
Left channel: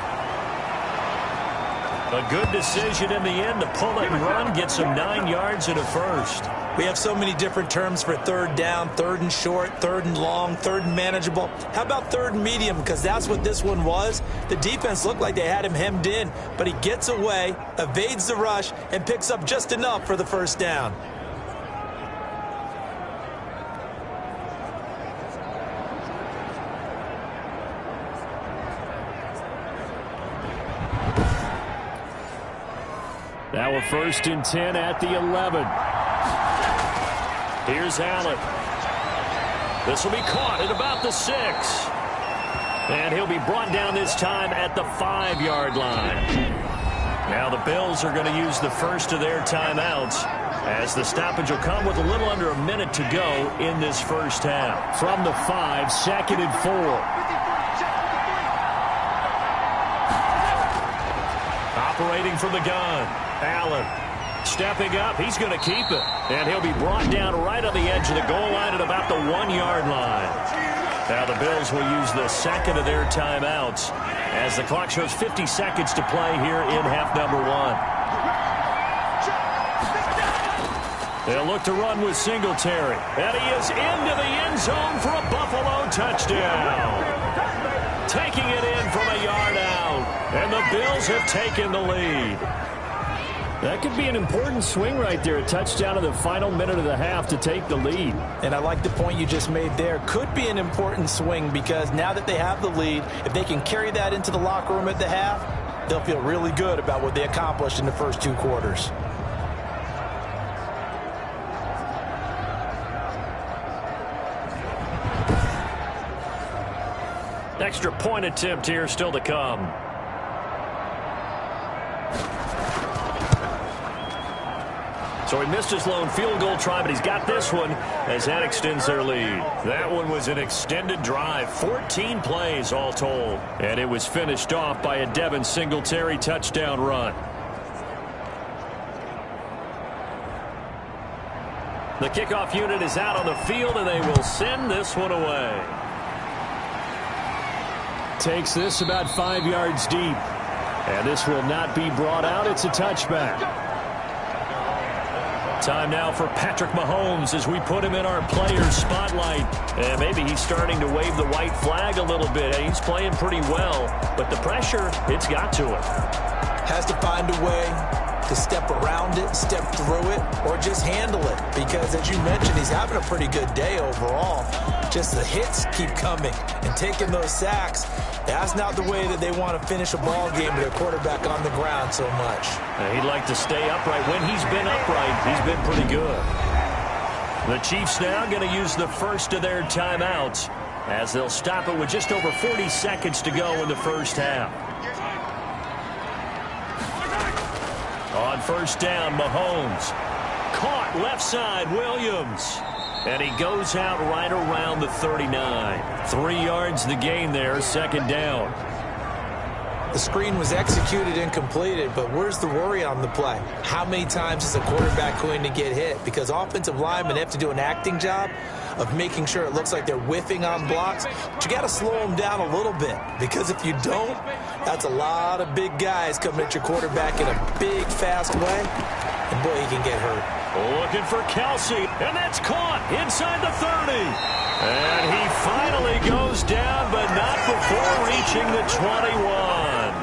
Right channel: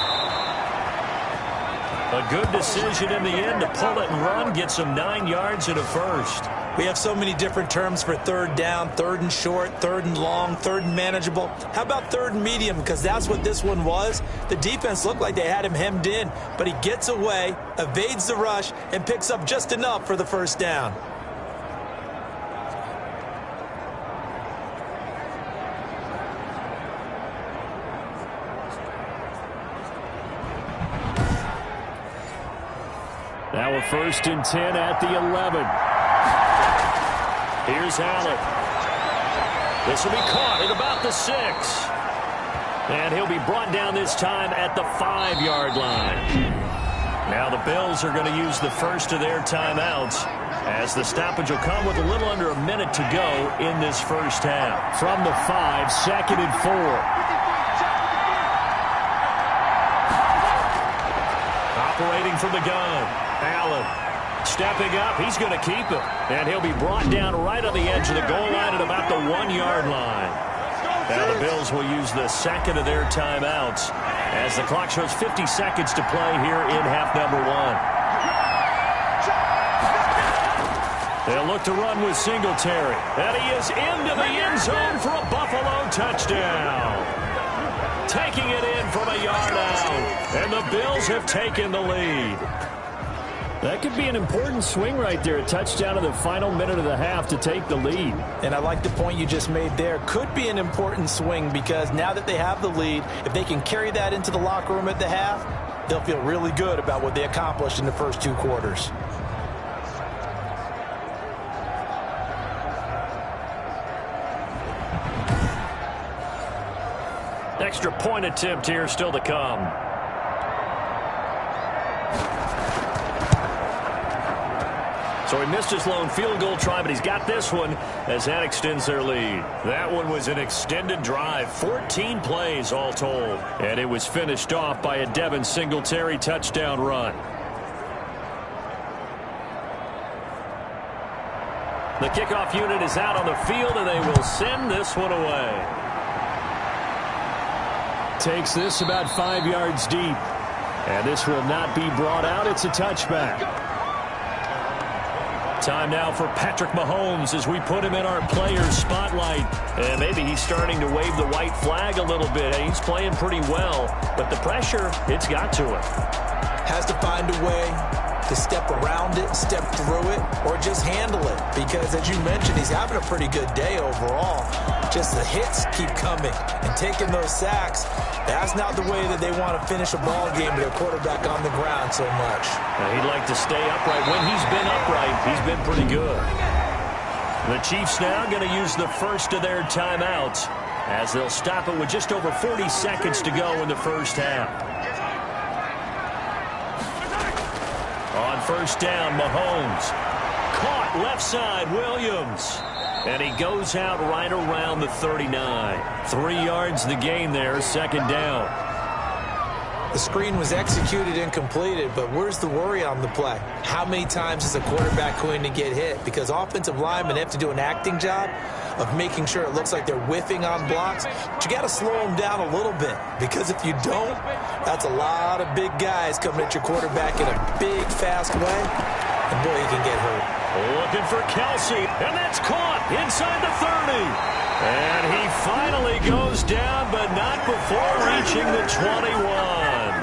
A good decision in the end to pull it and run, get some 9 yards and a first. We have so many different terms for 3rd down, 3rd and short, 3rd and long, 3rd and manageable. How about 3rd and medium? Because that's what this one was. The defense looked like they had him hemmed in, but he gets away, evades the rush, and picks up just enough for the first down. Now a 1st and 10 at the 11. Here's Allen. This will be caught at about the 6. And he'll be brought down this time at the 5-yard line. Now the Bills are going to use the first of their timeouts as the stoppage will come with a little under a minute to go in this first half. From the 5, 2nd and 4. Operating from the gun, Allen. Stepping up, he's going to keep it. And he'll be brought down right on the edge of the goal line at about the 1-yard line. Now the Bills will use the second of their timeouts as the clock shows 50 seconds to play here in half number 1. They'll look to run with Singletary. And he is into the end zone for a Buffalo touchdown. Taking it in from a yard out. And the Bills have taken the lead. That could be an important swing right there. A touchdown in the final minute of the half to take the lead. And I like the point you just made there. Could be an important swing because now that they have the lead, if they can carry that into the locker room at the half, they'll feel really good about what they accomplished in the first 2 quarters. Extra point attempt here still to come. So he missed his lone field goal try, but he's got this one as that extends their lead. That one was an extended drive, 14 plays all told. And it was finished off by a Devin Singletary touchdown run. The kickoff unit is out on the field, and they will send this one away. Takes this about 5 yards deep. And this will not be brought out. It's a touchback. Time now for Patrick Mahomes as we put him in our players spotlight. And maybe he's starting to wave the white flag a little bit. He's playing pretty well, but the pressure, it's got to him. Has to find a way to step around it, step through it, or just handle it. Because as you mentioned, he's having a pretty good day overall. Just the hits keep coming and taking those sacks. That's not the way that they want to finish a ball game with their quarterback on the ground so much. He'd like to stay upright. When he's been upright, he's been pretty good. The Chiefs now going to use the first of their timeouts as they'll stop it with just over 40 seconds to go in the first half. On first down, Mahomes. Caught left side, Williams. And he goes out right around the 39. 3 yards the gain there, second down. The screen was executed and completed, but where's the worry on the play? How many times is a quarterback going to get hit? Because offensive linemen have to do an acting job of making sure it looks like they're whiffing on blocks. But you got to slow them down a little bit, because if you don't, that's a lot of big guys coming at your quarterback in a big, fast way. And boy, he can get hurt. Looking for Kelsey, and that's caught inside the 30. And he finally goes down, but not before reaching the 21.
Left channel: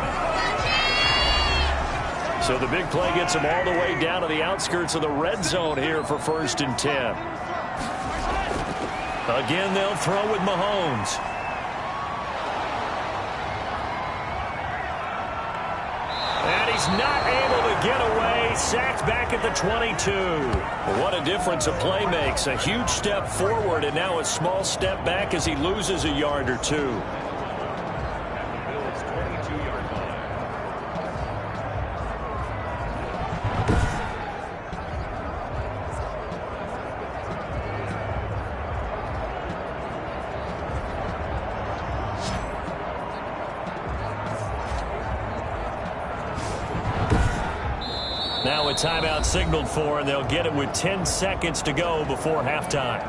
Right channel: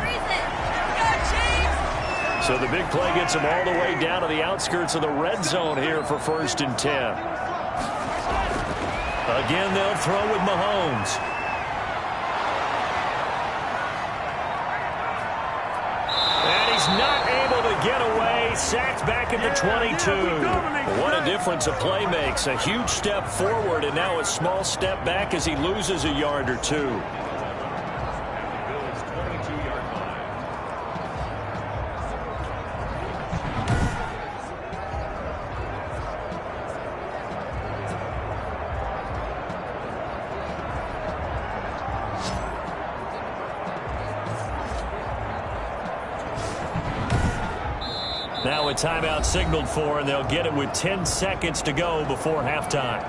So the big play gets him all the way down to the outskirts of the red zone here for 1st and 10. Again, they'll throw with Mahomes. And he's not able to get away. Sacked back at the 22. What a difference a play makes. A huge step forward and now a small step back as he loses a yard or two. At the Bills' 22-yard line. Now a timeout signaled for, and they'll get it with 10 seconds to go before halftime.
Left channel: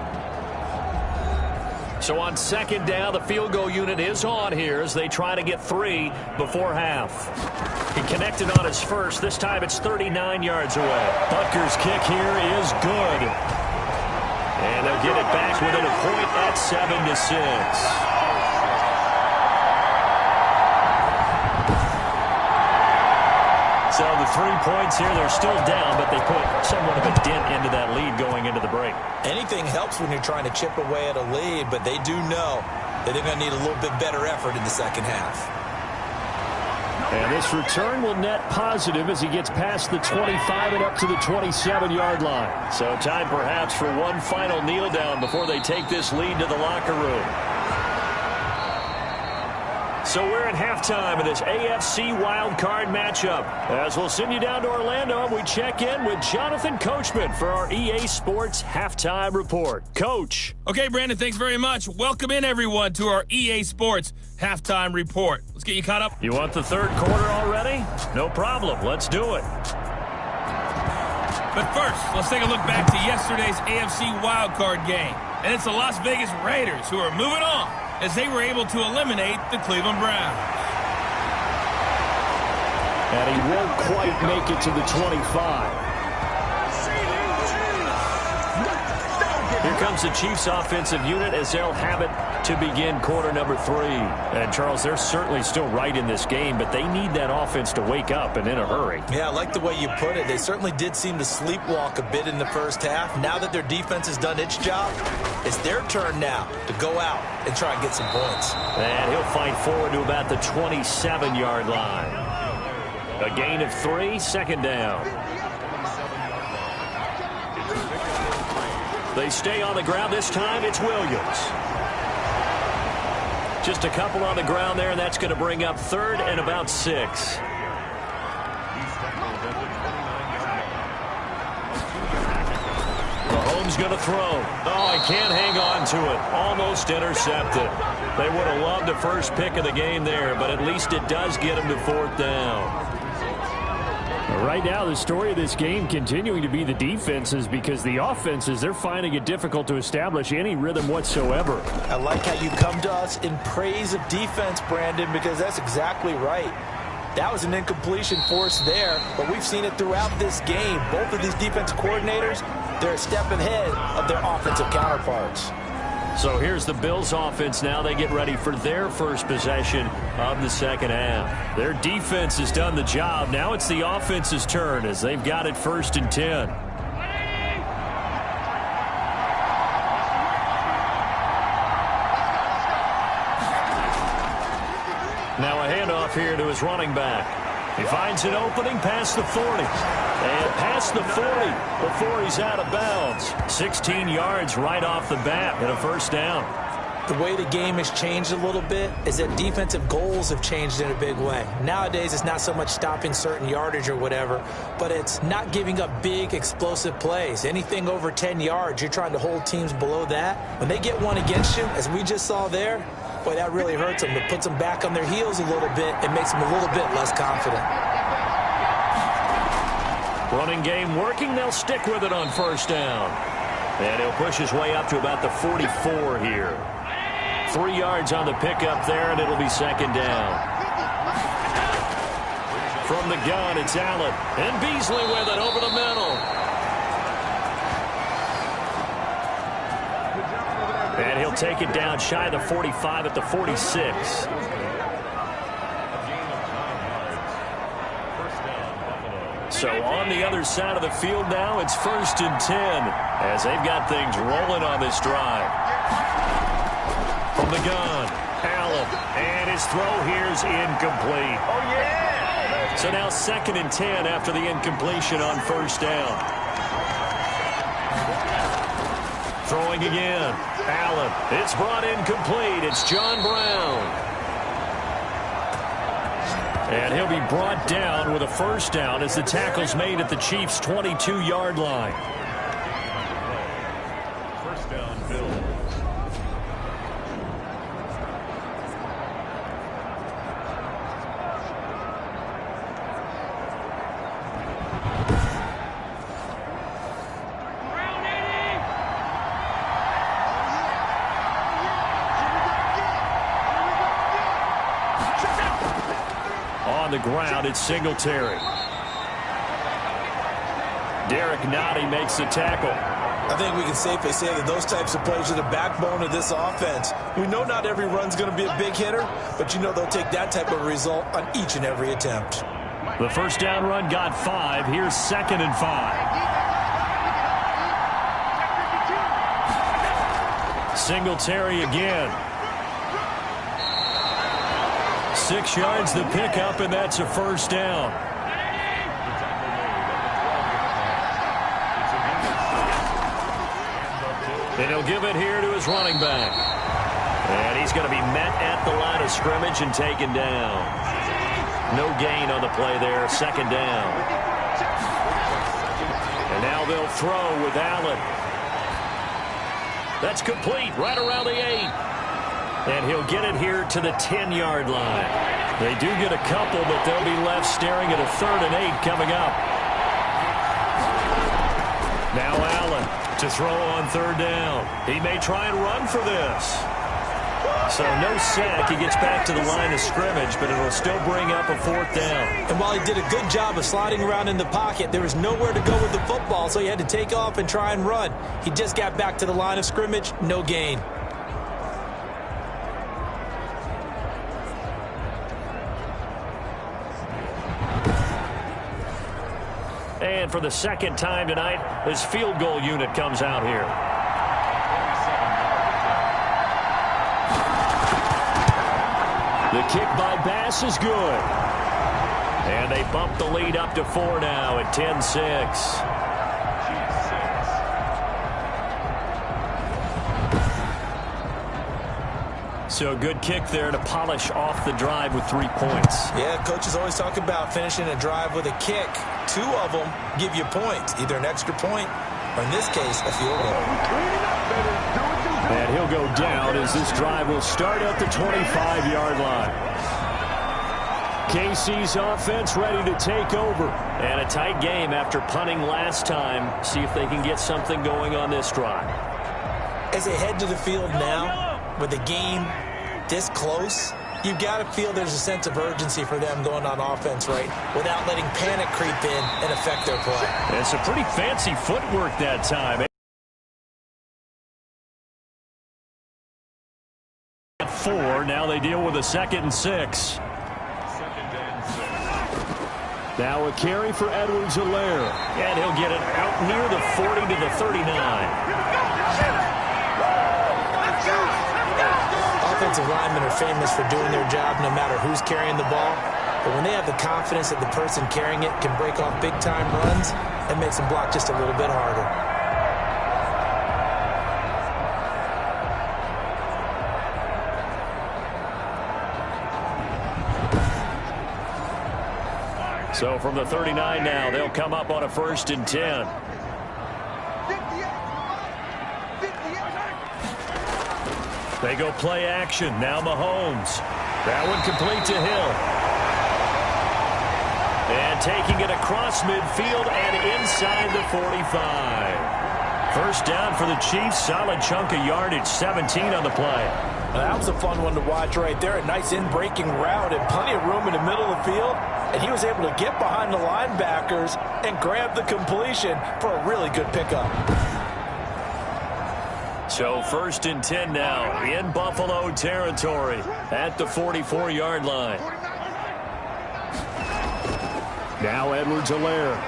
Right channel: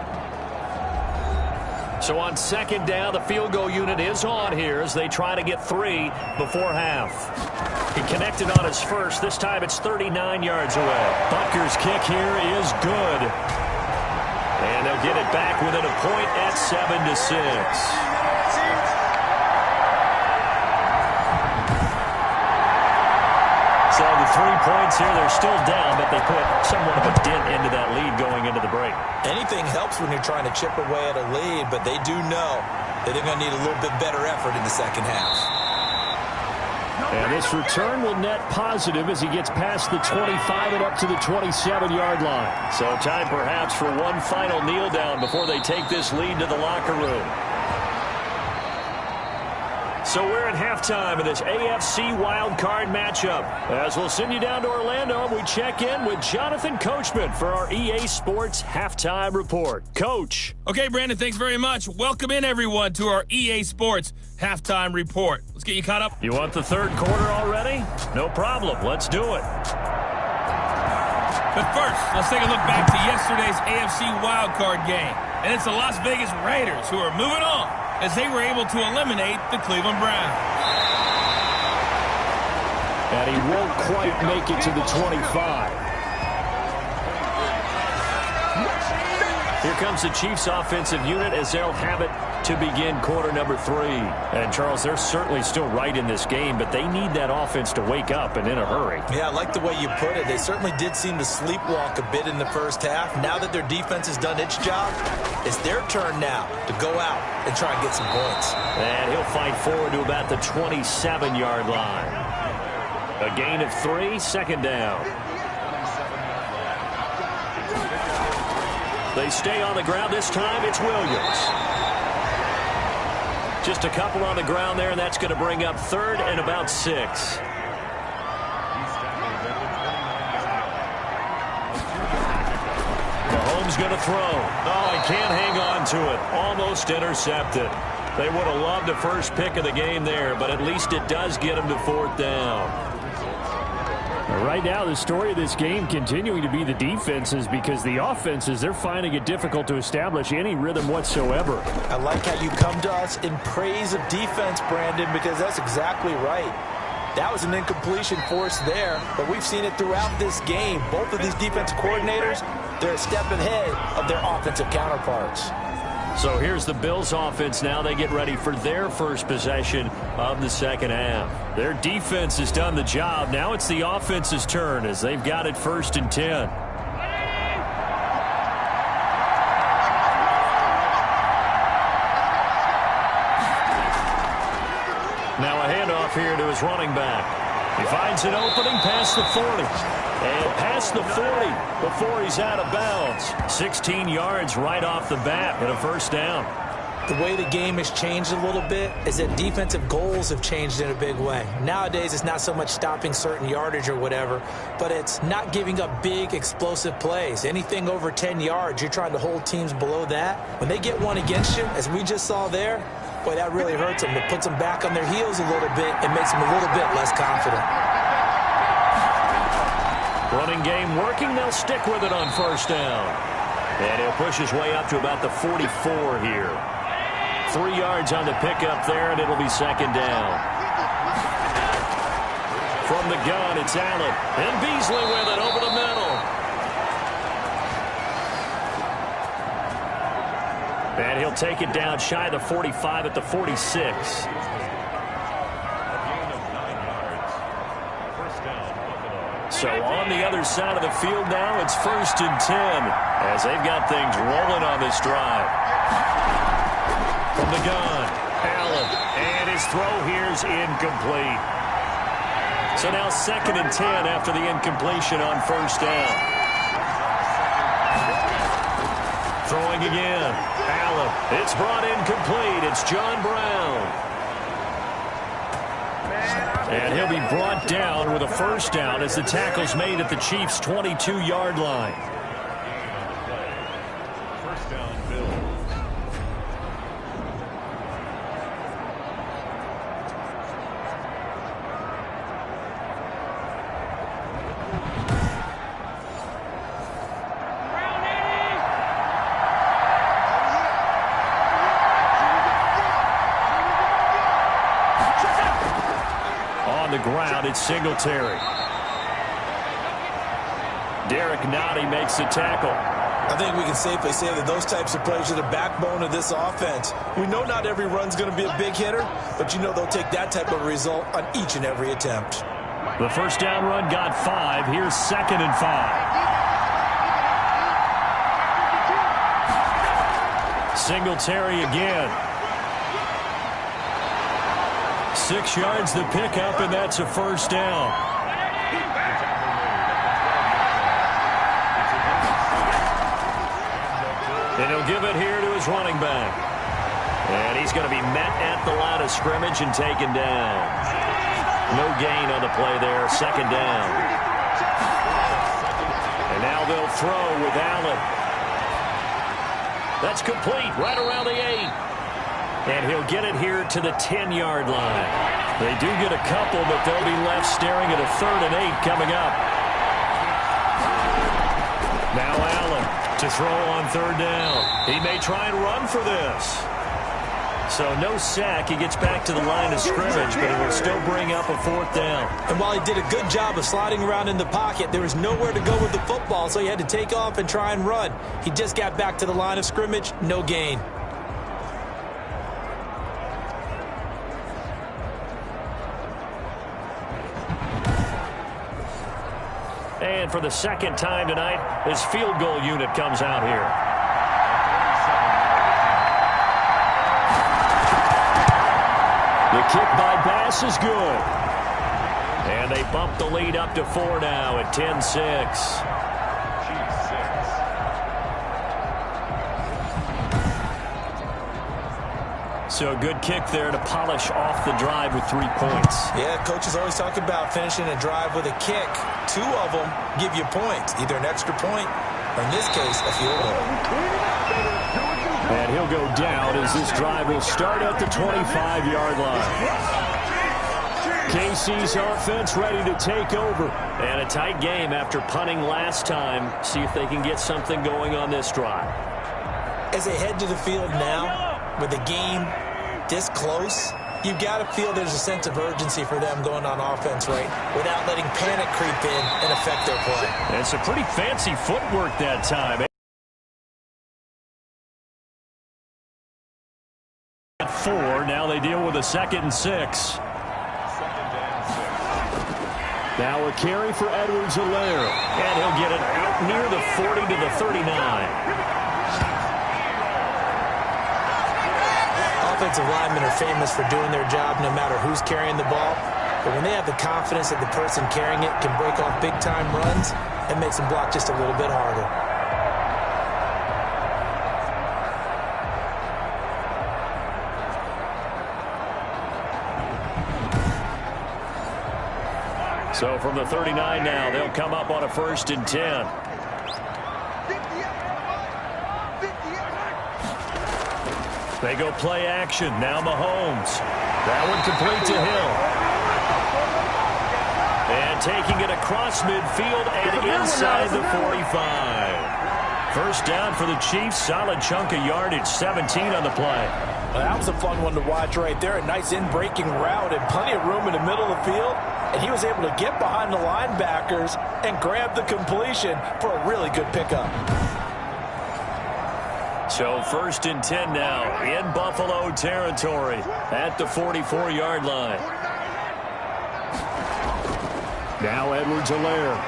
So on second down, the field goal unit is on here as they try to get 3 before half. He connected on his first. This time it's 39 yards away. Butker's kick here is good. And they'll get it back within a point at 7-6. So the 3 points here, they're still down, but they put somewhat of a dent into that lead going into the break. Anything helps when you're trying to chip away at a lead, but they do know that they're going to need a little bit better effort in the second half. And this return will net positive as he gets past the 25 and up to the 27-yard line. So time perhaps for one final kneel down before they take this lead to the locker room. So we're at halftime of this AFC wildcard matchup. As we'll send you down to Orlando, and we check in with Jonathan Coachman for our EA Sports Halftime Report. Coach. Okay, Brandon, thanks very much. Welcome in, everyone, to our EA Sports Halftime Report. Let's get you caught up. You want the third quarter already? No problem. Let's do it. But first, let's take a look back to yesterday's AFC wildcard game. And it's the Las Vegas Raiders who are moving on as they were able to eliminate the Cleveland Browns. And he won't quite make it to the 25. Here comes the Chiefs offensive unit as they'll have it to begin quarter number 3. And, Charles, they're certainly still right in this game, but they need that offense to wake up and in a hurry. Yeah, I like the way you put it. They certainly did seem to sleepwalk a bit in the first half. Now that their defense has done its job, it's their turn now to go out and try and get some points. And he'll fight forward to about the 27-yard line. A gain of 3, second down. They stay on the ground. This time it's Williams. Just a couple on the ground there, and that's going to bring up 3rd and about 6. Mahomes going to throw. Oh, he can't hang on to it. Almost intercepted. They would have loved the first pick of the game there, but at least it does get him to 4th down. Right now, the story of this game continuing to be the defenses, because the offenses, they're finding it difficult to establish any rhythm whatsoever. I like how you come to us in praise of defense, Brandon, because that's exactly right. That was an incompletion forced there, but we've seen it throughout this game. Both of these defensive coordinators, they're a step ahead of their offensive counterparts. So here's the Bills offense now. They get ready for their first possession of the second half. Their defense has done the job. Now it's the offense's turn as they've got it 1st and 10. Now a handoff here to his running back. He finds an opening past the 40. And past the 40 before he's out of bounds. 16 yards right off the bat and a 1st down. The way the game has changed a little bit is that defensive goals have changed in a big way. Nowadays, it's not so much stopping certain yardage or whatever, but it's not giving up big, explosive plays. Anything over 10 yards, you're trying to hold teams below that. When they get one against you, as we just saw there, boy, that really hurts them. It puts them back on their heels a little bit. It makes them a little bit less confident. Running game working. They'll stick with it on 1st down. And he'll push his way up to about the 44 here. 3 yards on the pickup there, and it'll be 2nd down. From the gun, it's Allen. And Beasley with it over the middle. And he'll take it down shy of the 45 at the 46. So on the other side of the field now, it's 1st and 10 as they've got things rolling on this drive. From the gun, Allen, and his throw here's incomplete. So now 2nd and 10 after the incompletion on 1st down. Throwing again, Allen. It's brought incomplete. It's John Brown. And he'll be brought down with a 1st down as the tackle's made at the Chiefs' 22-yard line. 1st down, Bills. On the ground, it's Singletary. Derek Nottie makes the tackle. I think we can safely say that those types of plays are the backbone of this offense. We know not every run's going to be a big hitter, but you know they'll take that type of result on each and every attempt. The 1st down run got 5. Here's 2nd and 5. Singletary again. 6 yards the pickup, and that's a 1st down. And he'll give it here to his running back. And he's going to be met at the line of scrimmage and taken down. No gain on the play there, 2nd down. And now they'll throw with Allen. That's complete right around the 8. And he'll get it here to the 10-yard line. They do get a couple, but they'll be left staring at a 3rd and 8 coming up. Now Allen to throw on third down. He may try and run for this. So no sack. He gets back to the line of scrimmage, but it'll still bring up a fourth down. And while he did a good job of sliding around in the pocket, there was nowhere to go with the football, so he had to take off and try and run. He just got back to the line of scrimmage, no gain. And for the second time tonight, this field goal unit comes out here. The kick by Bass is good. And they bump the lead up to 4 now at 10-6. So a good kick there to polish off the drive with 3 points. Yeah, coaches always talk about finishing a drive with a kick. 2 of them give you points, either an extra point or, in this case, a field goal. And he'll go down as this drive will start at the 25-yard line. KC's offense ready to take over. And a tight game after punting last time. See if they can get something going on this drive. As they head to the field now, with the game this close, you've got to feel there's a sense of urgency for them going on offense, right, without letting panic creep in and affect their play. And some pretty fancy footwork that time. At 4, now they deal with a 2nd and 6. Now a carry for Edwards-Helaire. And he'll get it out near the 40 to the 39. Offensive linemen are famous for doing their job no matter who's carrying the ball. But when they have the confidence that the person carrying it can break off big-time runs, it makes them block just a little bit harder. So from the 39 now, they'll come up on a 1st and 10. They go play action. Now Mahomes. That one complete to Hill. And taking it across midfield and inside the 45. First down for the Chiefs. Solid chunk of yardage. 17 on the play. Well, that was a fun one to watch right there. A nice in-breaking route and plenty of room in the middle of the field. And he was able to get behind the linebackers and grab the completion for a really good pickup. So 1st and 10 now in Buffalo territory at the 44-yard line. Now Edwards-Helaire.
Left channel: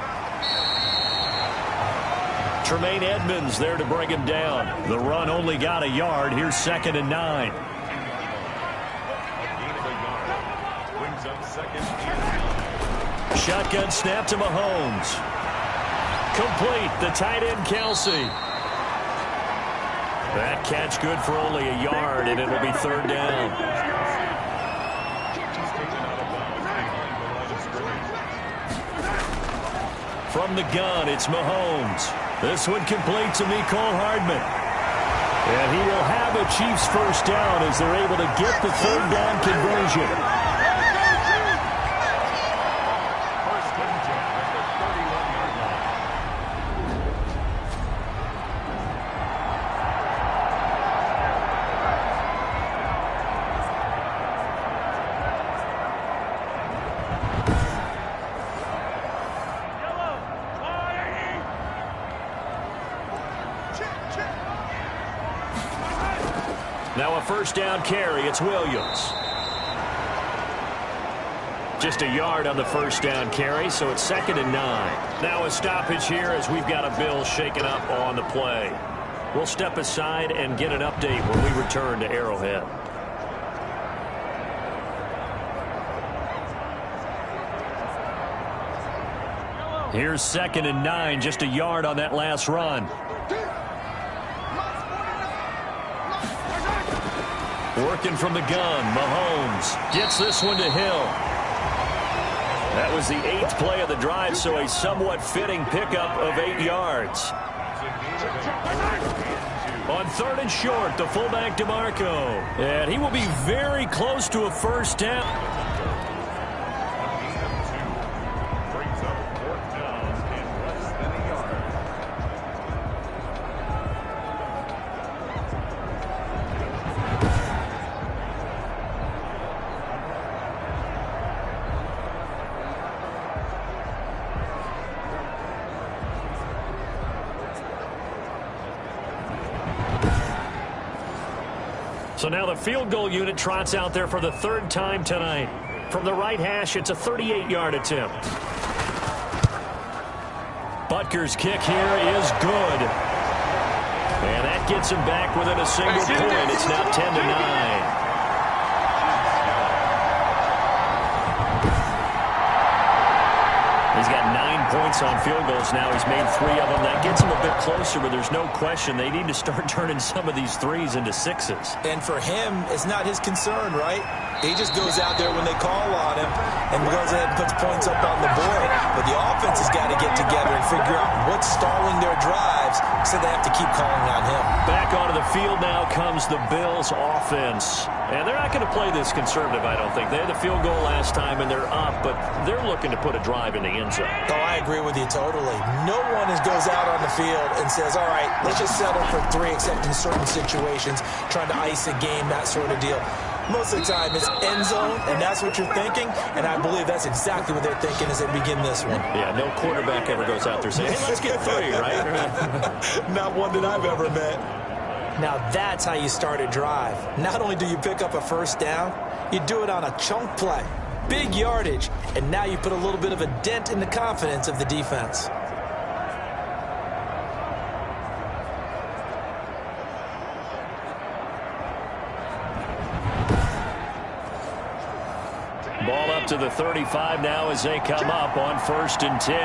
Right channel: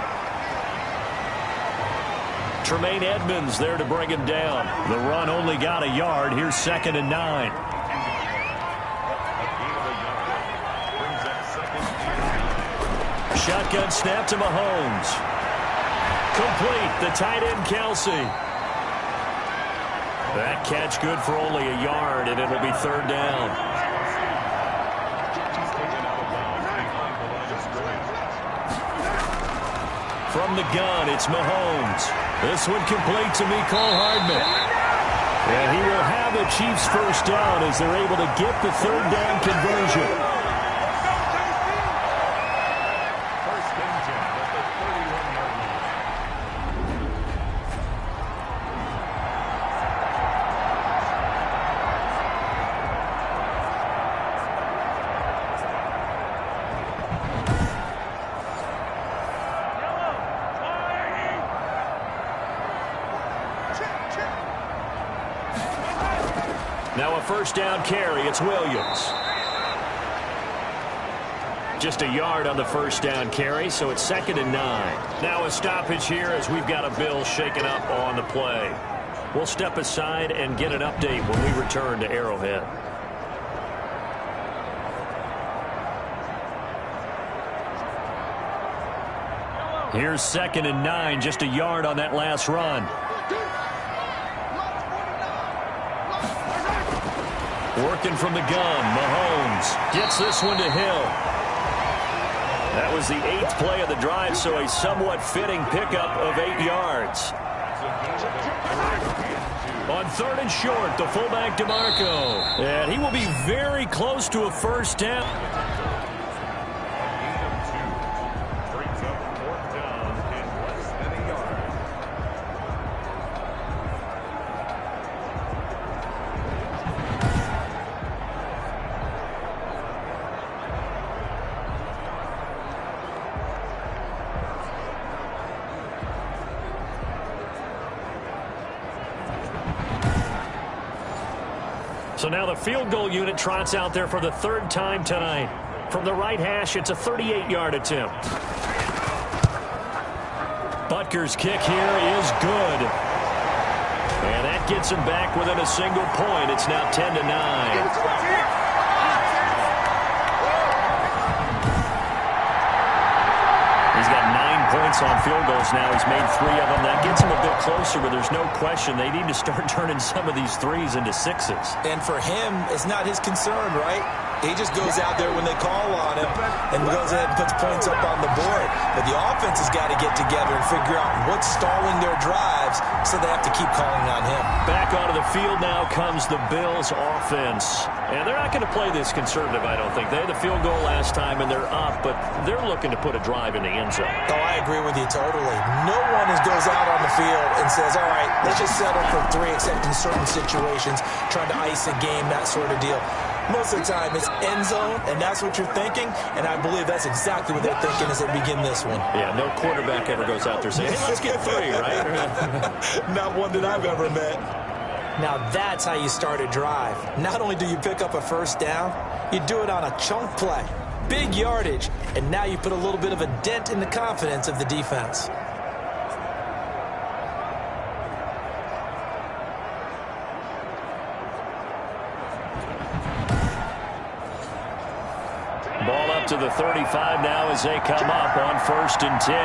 Tremaine Edmonds there to bring him down. The run only got a yard. Here's 2nd and 9. Shotgun snap to Mahomes. Complete. The tight end, Kelsey. That catch good for only a yard, and it'll be 3rd down. From the gun, it's Mahomes. This one complete to Mecole Hardman. And he will have a Chiefs first down as they're able to get the 3rd down conversion. 1st and 10 at the 31-yard line. Now a 1st down carry. It's Williams. Just a yard on the 1st down carry, so it's 2nd and 9. Now a stoppage here as we've got a Bill shaken up on the play. We'll step aside and get an update when we return to Arrowhead. Here's 2nd and 9, just a yard on that last run. Working from the gun, Mahomes gets this one to Hill. That was the 8th play of the drive, so a somewhat fitting pickup of 8 yards. On 3rd and short, the fullback DeMarco. And he will be very close to a first down. A gain of 2 brings up 4th down and less than a yard. So now the field goal unit trots out there for the third time tonight. From the right hash, it's a 38-yard attempt. Butker's kick here is good. And that gets him back within a single point. It's now 10-9. He's got 9 points on field goals now. He's made 3 of them. That gets him a bit closer, but there's no question they need to start turning some of these threes into sixes. And for him, it's not his concern, right? He just goes out there when they call on him and goes ahead and puts points up on the board. But the offense has got to get together and figure out what's stalling their drives, so they have to keep calling on him. Back onto the field now comes the Bills offense. And they're not going to play this conservative, I don't think. They had the field goal last time, and they're up, but they're looking to put a drive in the end zone. Oh, I agree with you totally. No one goes out on the field and says, all right, let's just settle for 3, except in certain situations, trying to ice a game, that sort of deal. Most of the time, it's end zone, and that's what you're thinking, and I believe that's exactly what they're thinking as they begin this one. Yeah, no quarterback ever goes out there saying, hey, let's get 3, right? Not one that I've ever met. Now that's how you start a drive. Not only do you pick up a first down, you do it on a chunk play. Big yardage, and now you put a little bit of a dent in the confidence of the defense. Ball up to the 35 now as they come up on 1st and 10.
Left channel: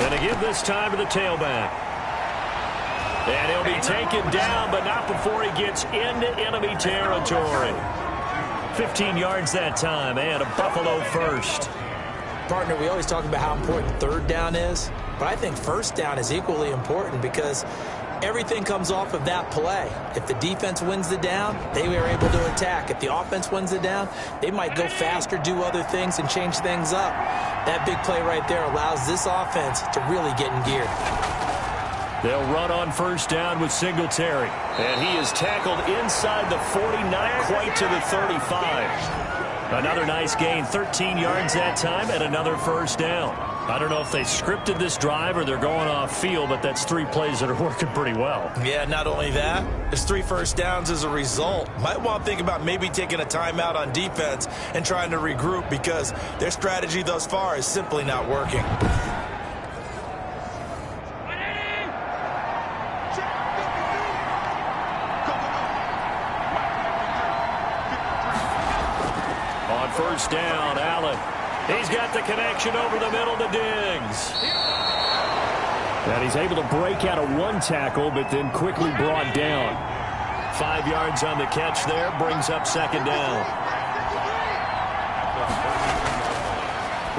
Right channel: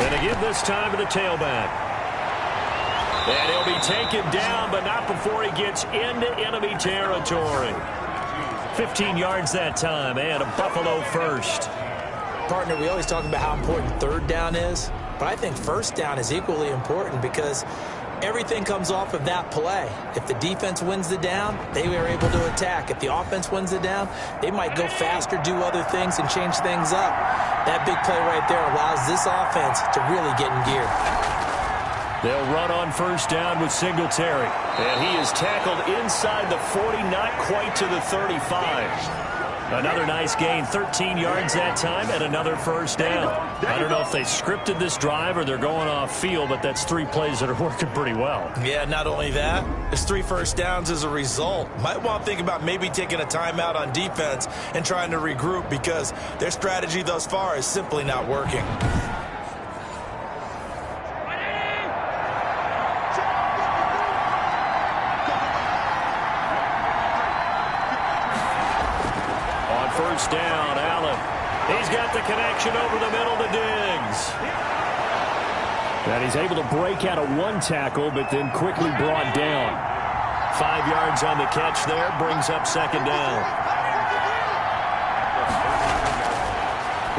And to give this time to the tailback. And he'll be taken down, but not before he gets into enemy territory. 15 yards that time, and a Buffalo first. Partner, we always talk about how important 3rd down is, but I think 1st down is equally important because everything comes off of that play. If the defense wins the down, they are able to attack. If the offense wins the down, they might go faster, do other things, and change things up. That big play right there allows this offense to really get in gear. They'll run on 1st down with Singletary. And he is tackled inside the 40, not quite to the 35. Another nice gain, 13 yards that time, and another 1st down. I don't know if they scripted this drive or they're going off field, but that's 3 plays that are working pretty well. Yeah, not only that, it's 3 first downs as a result. Might want to think about maybe taking a timeout on defense and trying to regroup because their strategy thus far is simply not working. On 1st down, Allen. He's got the connection over the middle to Diggs. And he's able to break out of 1 tackle, but then quickly brought down. 5 yards on the catch there, brings up 2nd down.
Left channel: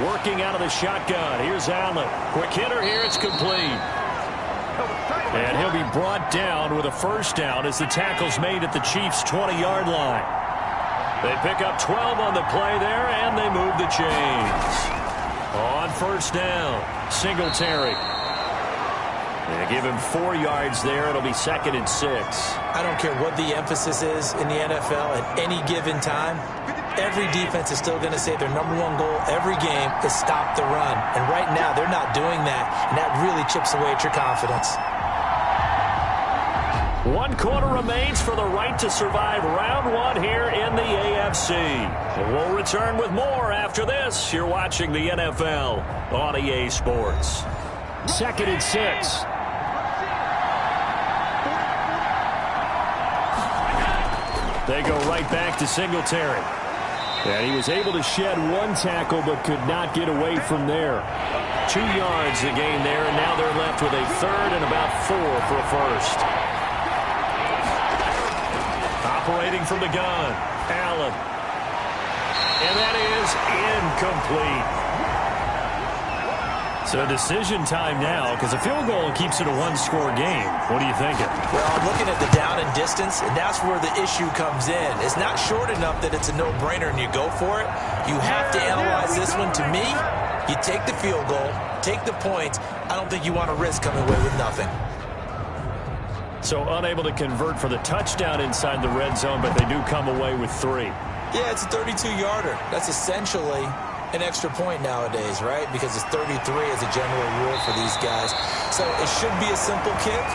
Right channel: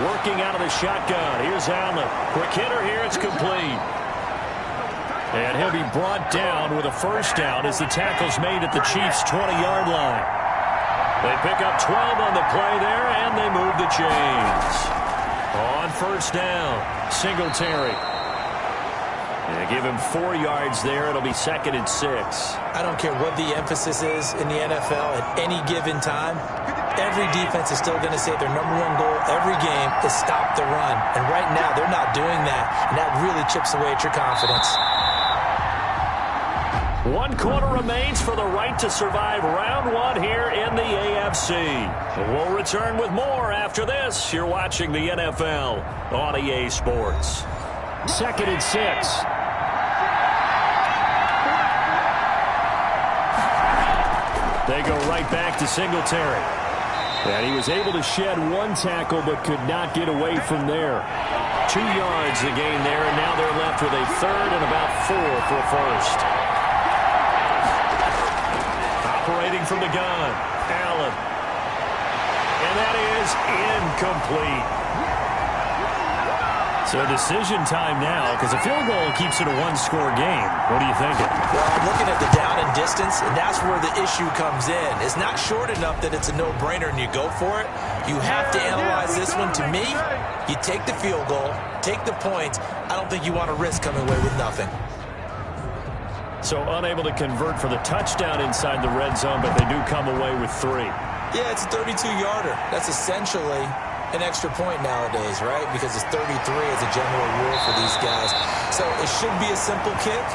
Working out of the shotgun. Here's Allen. Quick hitter here, it's complete. And he'll be brought down with a 1st down as the tackle's made at the Chiefs' 20-yard line. They pick up 12 on the play there, and they move the chains. On 1st down, Singletary. They give him 4 yards there. It'll be 2nd and 6. I don't care what the emphasis is in the NFL at any given time. Every defense is still going to say their #1 goal every game is stop the run. And right now, they're not doing that, and that really chips away at your confidence. 1 quarter remains for the right to survive round 1 here in the AFC. We'll return with more after this. You're watching the NFL on EA Sports. 2nd and 6. They go right back to Singletary. And he was able to shed 1 tackle but could not get away from there. 2 yards the gain there, and now they're left with a 3rd and about 4 for a 1st. Operating from the gun, Allen. And that is incomplete. So decision time now, because a field goal keeps it a 1-score game. What are you thinking? Well, I'm looking at the down and distance, and that's where the issue comes in. It's not short enough that it's a no-brainer and you go for it. You have to analyze this one. To me, you take the field goal, take the points. I don't think you want to risk coming away with nothing. So unable to convert for the touchdown inside the red zone, but they do come away with 3. Yeah, it's a 32-yarder. That's essentially an extra point nowadays, right? Because it's 33 as a general rule for these guys. So it should be a simple kick,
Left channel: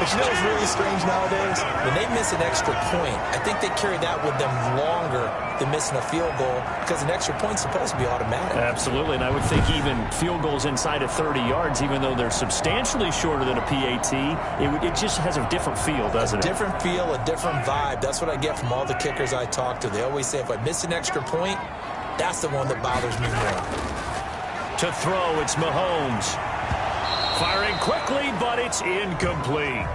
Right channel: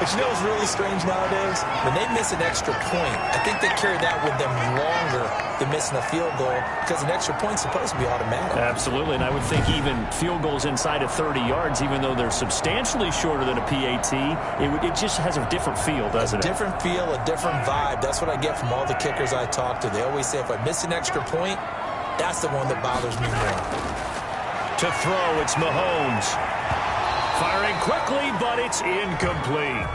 But you know what's really strange nowadays? When they miss an extra point, I think they carry that with them longer than missing a field goal because an extra point's supposed to be automatic. Absolutely, and I would think even field goals inside of 30 yards, even though they're substantially shorter than a PAT, it just has a different feel, doesn't it? A different feel, a different vibe. That's what I get from all the kickers I talk to. They always say if I miss an extra point, that's the one that bothers me more. To throw, it's Mahomes. Firing quickly, but it's incomplete.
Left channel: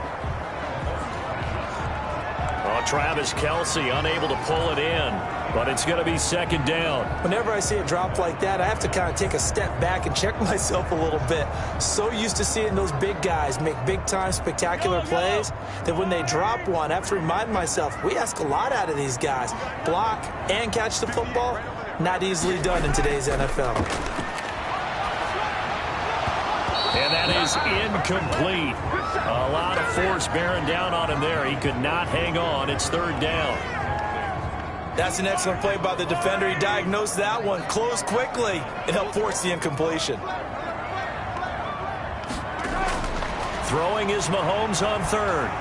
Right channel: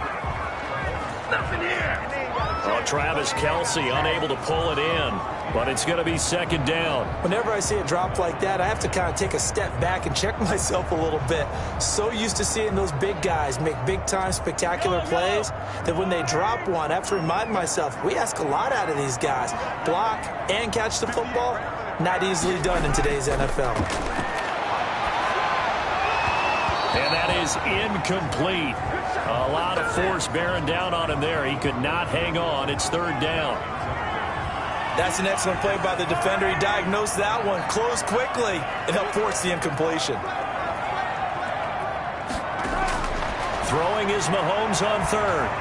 Oh, Travis Kelce unable to pull it in, but it's going to be second down. Whenever I see a drop like that, I have to kind of take a step back and check myself a little bit. So used to seeing those big guys make big-time spectacular plays that when they drop one, I have to remind myself, we ask a lot out of these guys. Block and catch the football, not easily done in today's NFL. And that is incomplete. A lot of force bearing down on him there. He could not hang on. It's third down. That's an excellent play by the defender. He diagnosed that one, closed quickly, and helped force the incompletion. Throwing is Mahomes on third.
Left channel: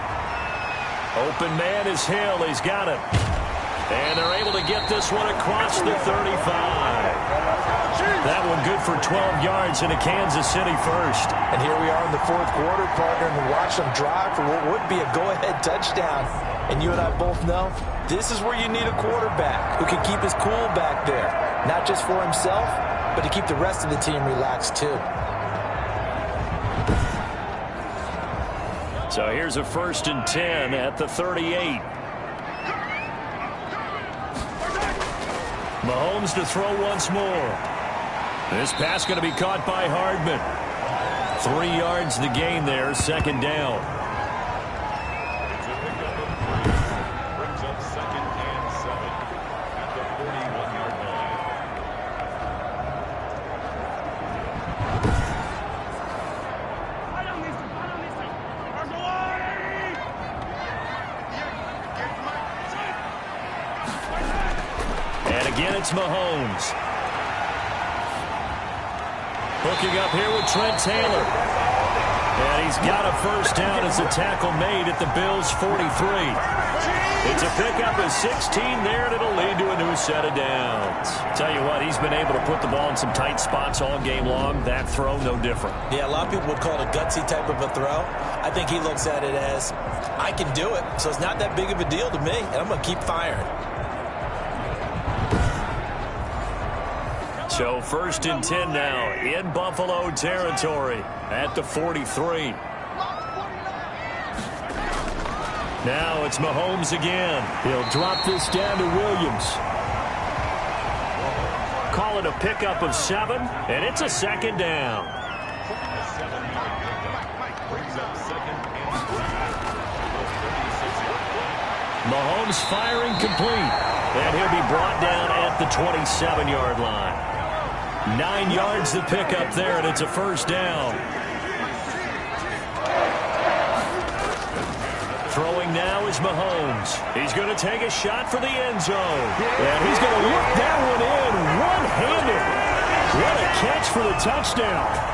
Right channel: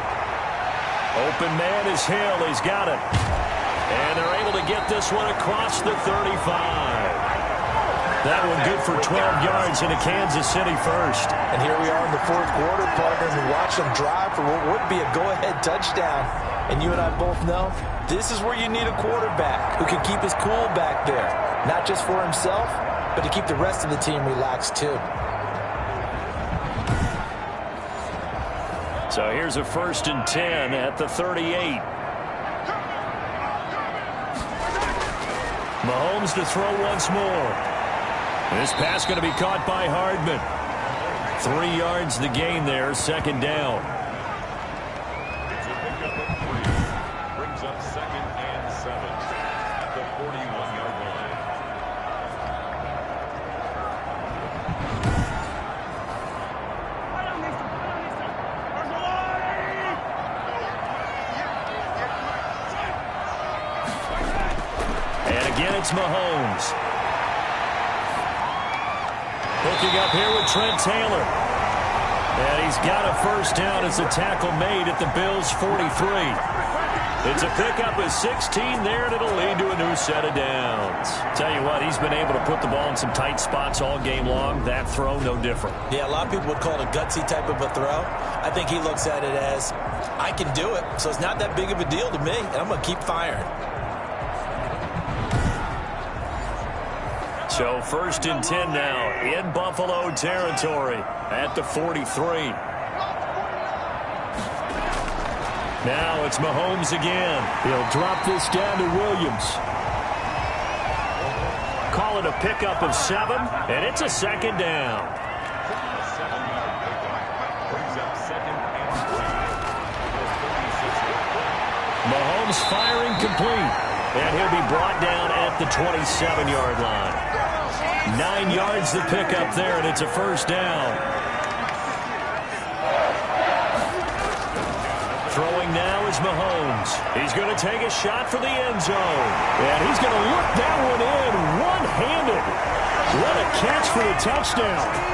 Open man is Hill. He's got it. And they're able to get this one across the 35. That one good for 12 yards in a Kansas City first. And here we are in the fourth quarter, partner, and watch them drive for what would be a go-ahead touchdown. And you and I both know this is where you need a quarterback who can keep his cool back there. Not just for himself, but to keep the rest of the team relaxed too. So here's a 1st and 10 at the 38. Mahomes to throw once more. This pass going to be caught by Hardman. 3 yards the gain there, second down. It's a pickup of 3. Brings up 2nd and 7 at the 41-yard line. And again, it's Mahomes. Hooking up here with Trent Taylor. And he's got a first down as the tackle made at the Bills' 43. It's a pickup of 16 there, and it'll lead to a new set of downs. Tell you what, he's been able to put the ball in some tight spots all game long. That throw, no different. Yeah, a lot of people would call it a gutsy type of a throw. I think he looks at it as, I can do it, so it's not that big of a deal to me, and I'm going to keep firing. So 1st and 10 now in Buffalo territory at the 43. Now it's Mahomes again. He'll drop this down to Williams. Call it a pickup of 7, and it's a second down. A 7-yard pickup brings up 2nd and 3 at the 36-yard line. Mahomes firing complete, and he'll be brought down at the 27-yard line. 9 yards the pickup there, and it's a first down. Throwing now is Mahomes. He's going to take a shot for the end zone. And he's going to look that one in one-handed. What a catch for the touchdown.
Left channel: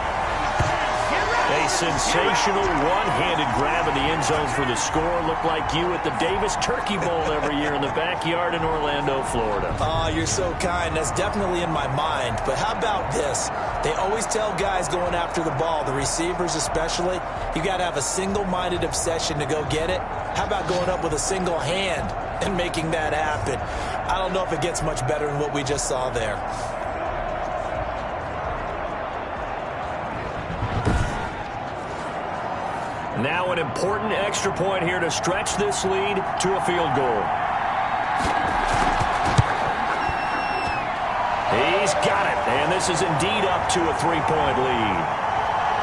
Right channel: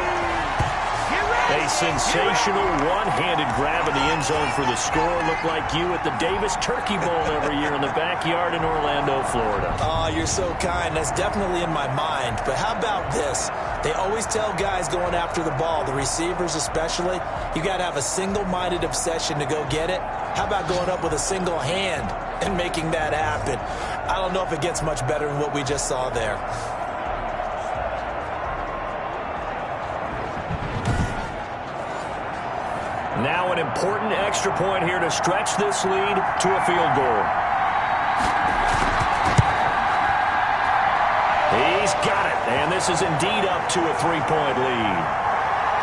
A sensational one-handed grab in the end zone for the score. Looked like you at the Davis Turkey Bowl every year in the backyard in Orlando, Florida. Oh, you're so kind. That's definitely in my mind. But how about this? They always tell guys going after the ball, the receivers especially, you got to have a single-minded obsession to go get it. How about going up with a single hand and making that happen? I don't know if it gets much better than what we just saw there. Now an important extra point here to stretch this lead to a field goal. He's got it, and this is indeed up to a 3-point lead.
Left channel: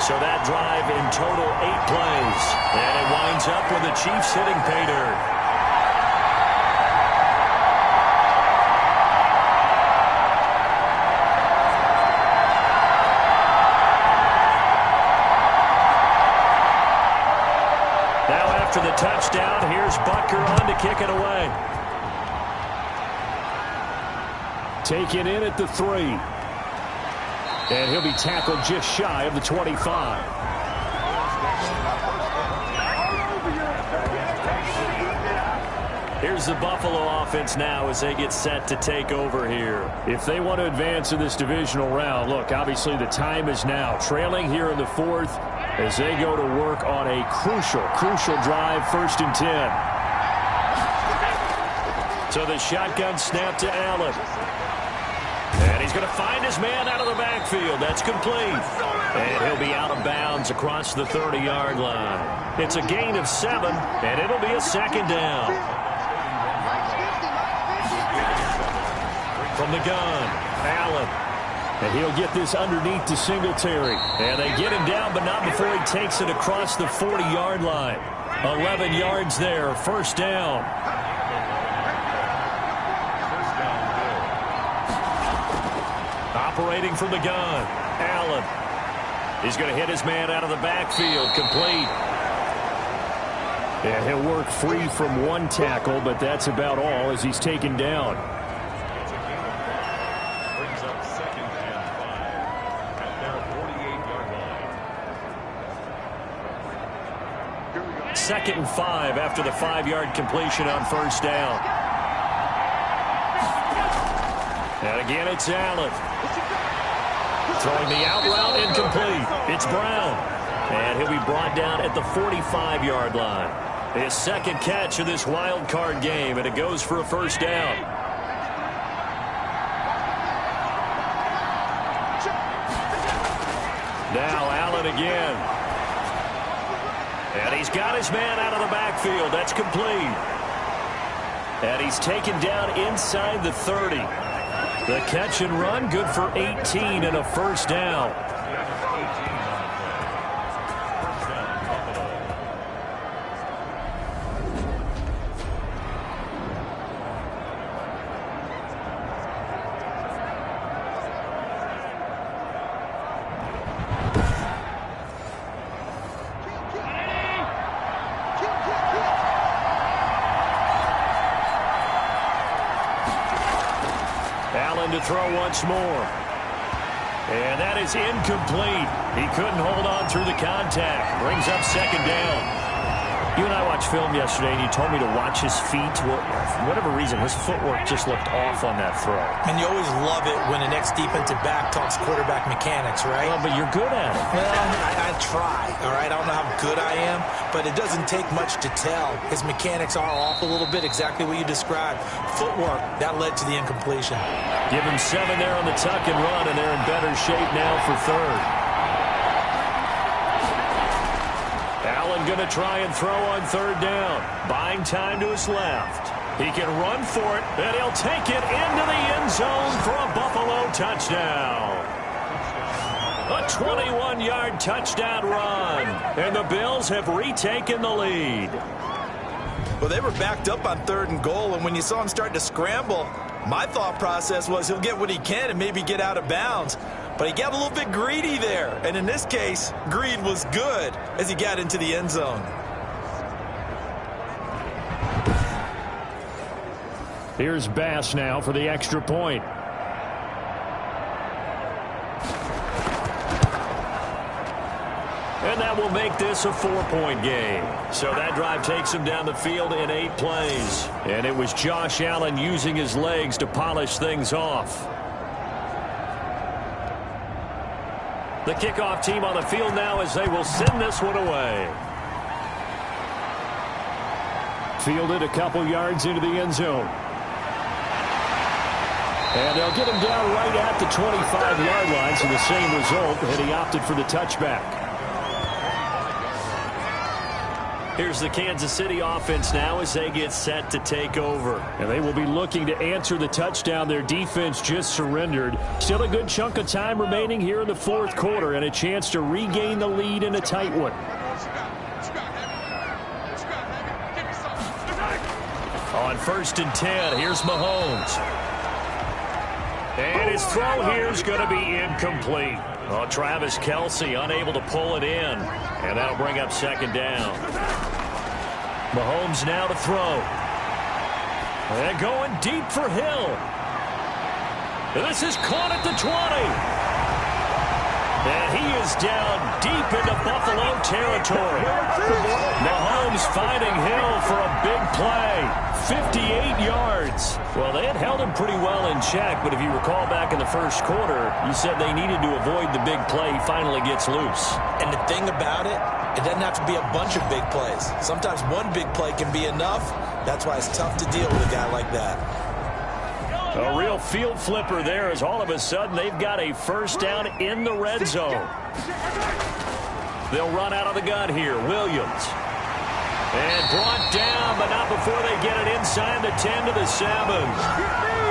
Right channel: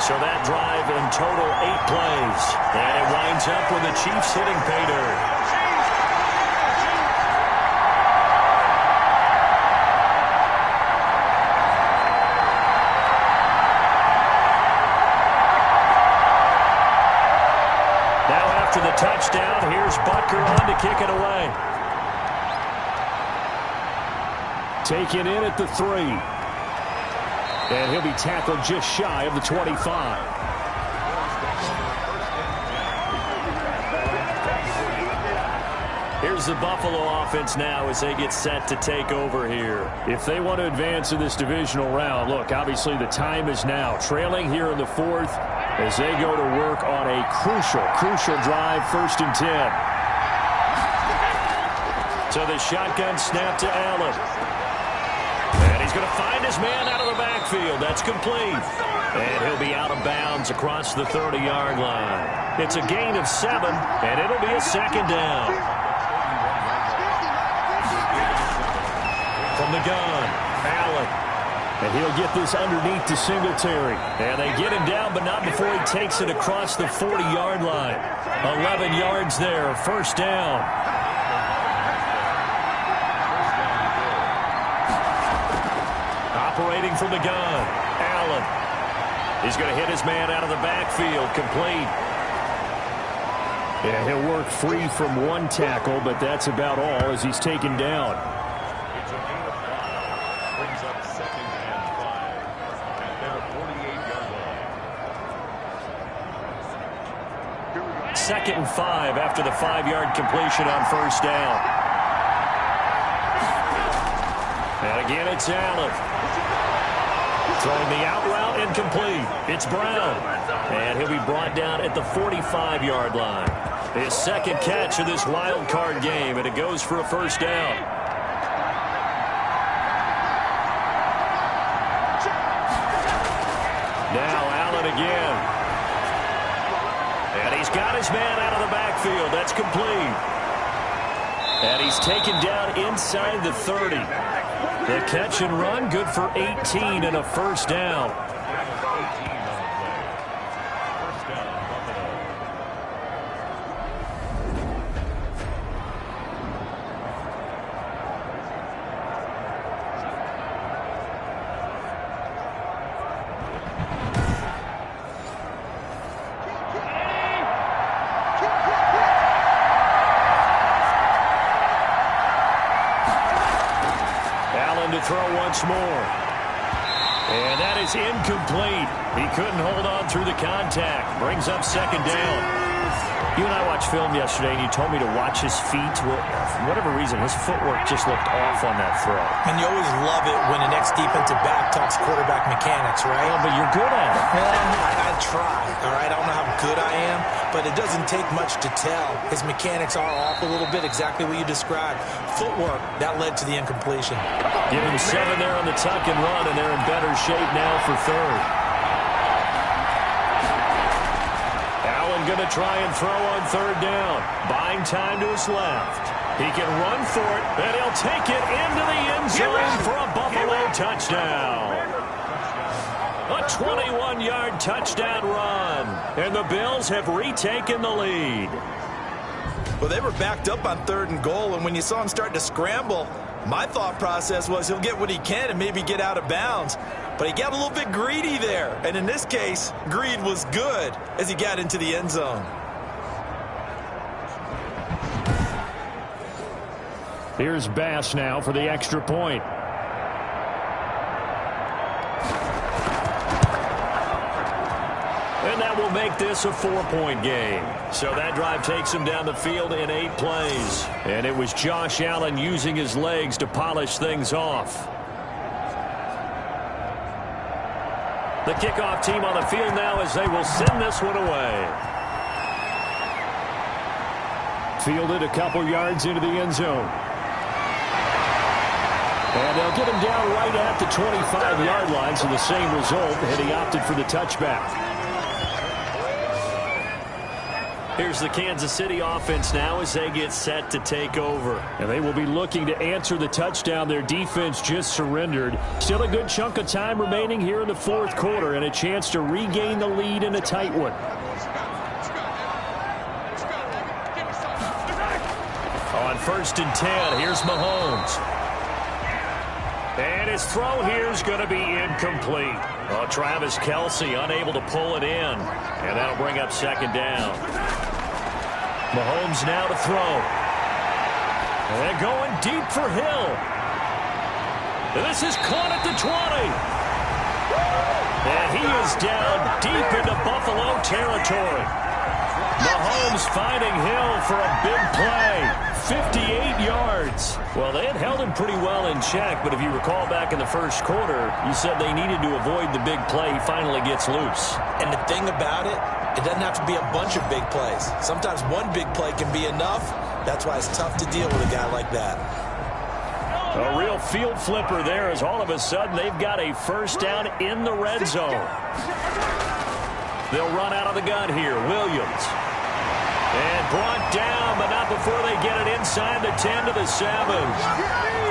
So that drive in total 8 plays, and it winds up with the Chiefs hitting pay dirt. After the touchdown, here's Butker on to kick it away. Taken in at the 3. And he'll be tackled just shy of the 25. here's the Buffalo offense now as they get set to take over here. If they want to advance in this divisional round, look, obviously the time is now. Trailing here in the fourth as they go to work on a crucial drive, 1st and 10. So the shotgun snap to Allen. And he's going to find his man out of the backfield. That's complete. And he'll be out of bounds across the 30-yard line. It's a gain of 7, and it'll be a 2nd down. From the gun, Allen. And he'll get this underneath to Singletary. And they get him down, but not before he takes it across the 40-yard line. 11 yards there, 1st down. Operating from the gun, Allen. He's going to hit his man out of the backfield, complete. Yeah, he'll work free from 1 tackle, but that's about all as he's taken down. It's a gain of 5. Brings up 2nd and 5 at their 48-yard line. 2nd and 5 after the 5-yard completion on 1st down. And again, it's Allen. Throwing the out route, incomplete. It's Brown. And he'll be brought down at the 45-yard line. His 2nd catch of this wild card game, and it goes for a 1st down. Now Allen again. And he's got his man out of the backfield. That's complete. And he's taken down inside the 30. The catch and run, good for 18 and a 1st down. Allen to throw once more. And that is incomplete. He couldn't hold on through the contact. Brings up 2nd down. You and I watched film yesterday, and you told me to watch his feet. Well, for whatever reason, his footwork just looked off on that throw. And you always love it when the next defensive back talks quarterback mechanics, right? Well, but you're good at it. Well, I try, all right? I don't know how good I am, but it doesn't take much to tell. His mechanics are off a little bit, exactly what you described. Footwork, that led to the incompletion. Give him 7 there on the tuck and run, and they're in better shape now for 3rd. Allen going to try and throw on 3rd down. Buying time to his left. He can run for it, and he'll take it into the end zone for a Buffalo touchdown. A 21-yard touchdown run, and the Bills have retaken the lead. Well, they were backed up on 3rd and goal, and when you saw him start to scramble, my thought process was he'll get what he can and maybe get out of bounds. But he got a little bit greedy there. And in this case, greed was good as he got into the end zone. Here's Bass now for the extra point. And that will make this a 4-point game. So that drive takes him down the field in 8 plays. And it was Josh Allen using his legs to polish things off. The kickoff team on the field now as they will send this one away. Fielded a couple yards into the end zone. And they'll get him down right at the 25-yard line, so the same result, and he opted for the touchback. Here's the Kansas City offense now as they get set to take over. And they will be looking to answer the touchdown their defense just surrendered. Still a good chunk of time remaining here in the 4th quarter and a chance to regain the lead in a tight one. On 1st and 10, here's Mahomes. And his throw here is going to be incomplete. Oh, Travis Kelce unable to pull it in. And that'll bring up 2nd down. Mahomes now to throw. And going deep for Hill. This is caught at the 20. And he is down deep into Buffalo territory. Mahomes finding Hill for a big play. 58 yards. Well, they had held him pretty well in check, but if you recall back in the first quarter, you said they needed to avoid the big play. He finally gets loose. And the thing about it, it doesn't have to be a bunch of big plays. Sometimes one big play can be enough. That's why it's tough to deal with a guy like that. A real field flipper there as all of a sudden they've got a first down in the red zone. They'll run out of the gun here. Williams. And brought down, but not before they get it inside the 10 to the 7.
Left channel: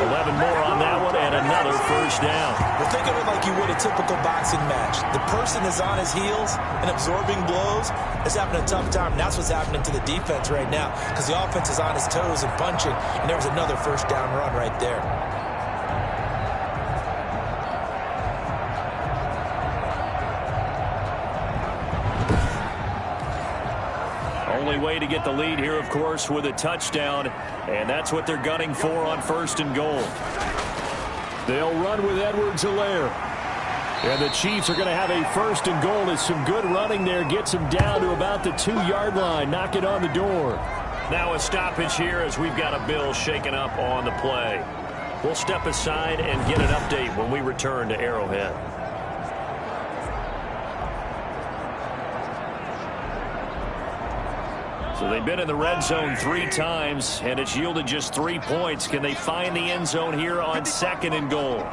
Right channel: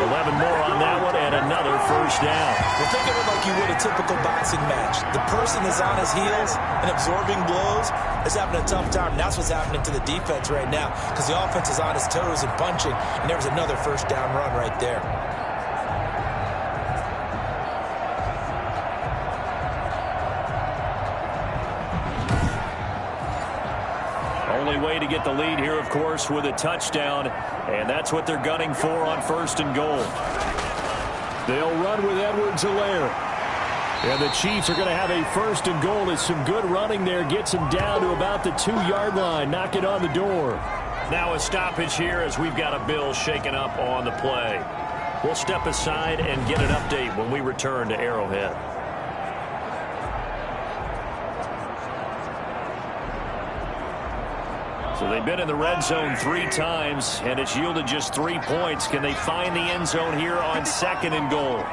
11 more on that one and another first down. Well, think of it like you would a typical boxing match. The person is on his heels and absorbing blows is having a tough time. And that's what's happening to the defense right now because the offense is on his toes and punching, and there was another first down run right there. Only way to get the lead here, of course, with a touchdown, and that's what they're gunning for on first and goal. They'll run with Edwards-Helaire. And the Chiefs are going to have a first and goal as some good running there gets them down to about the 2-yard line. Knock it on the door. Now a stoppage here as we've got a Bill shaken up on the play. We'll step aside and get an update when we return to Arrowhead. So they've been in the red zone 3 times, and it's yielded just 3 points. Can they find the end zone here on second and goal?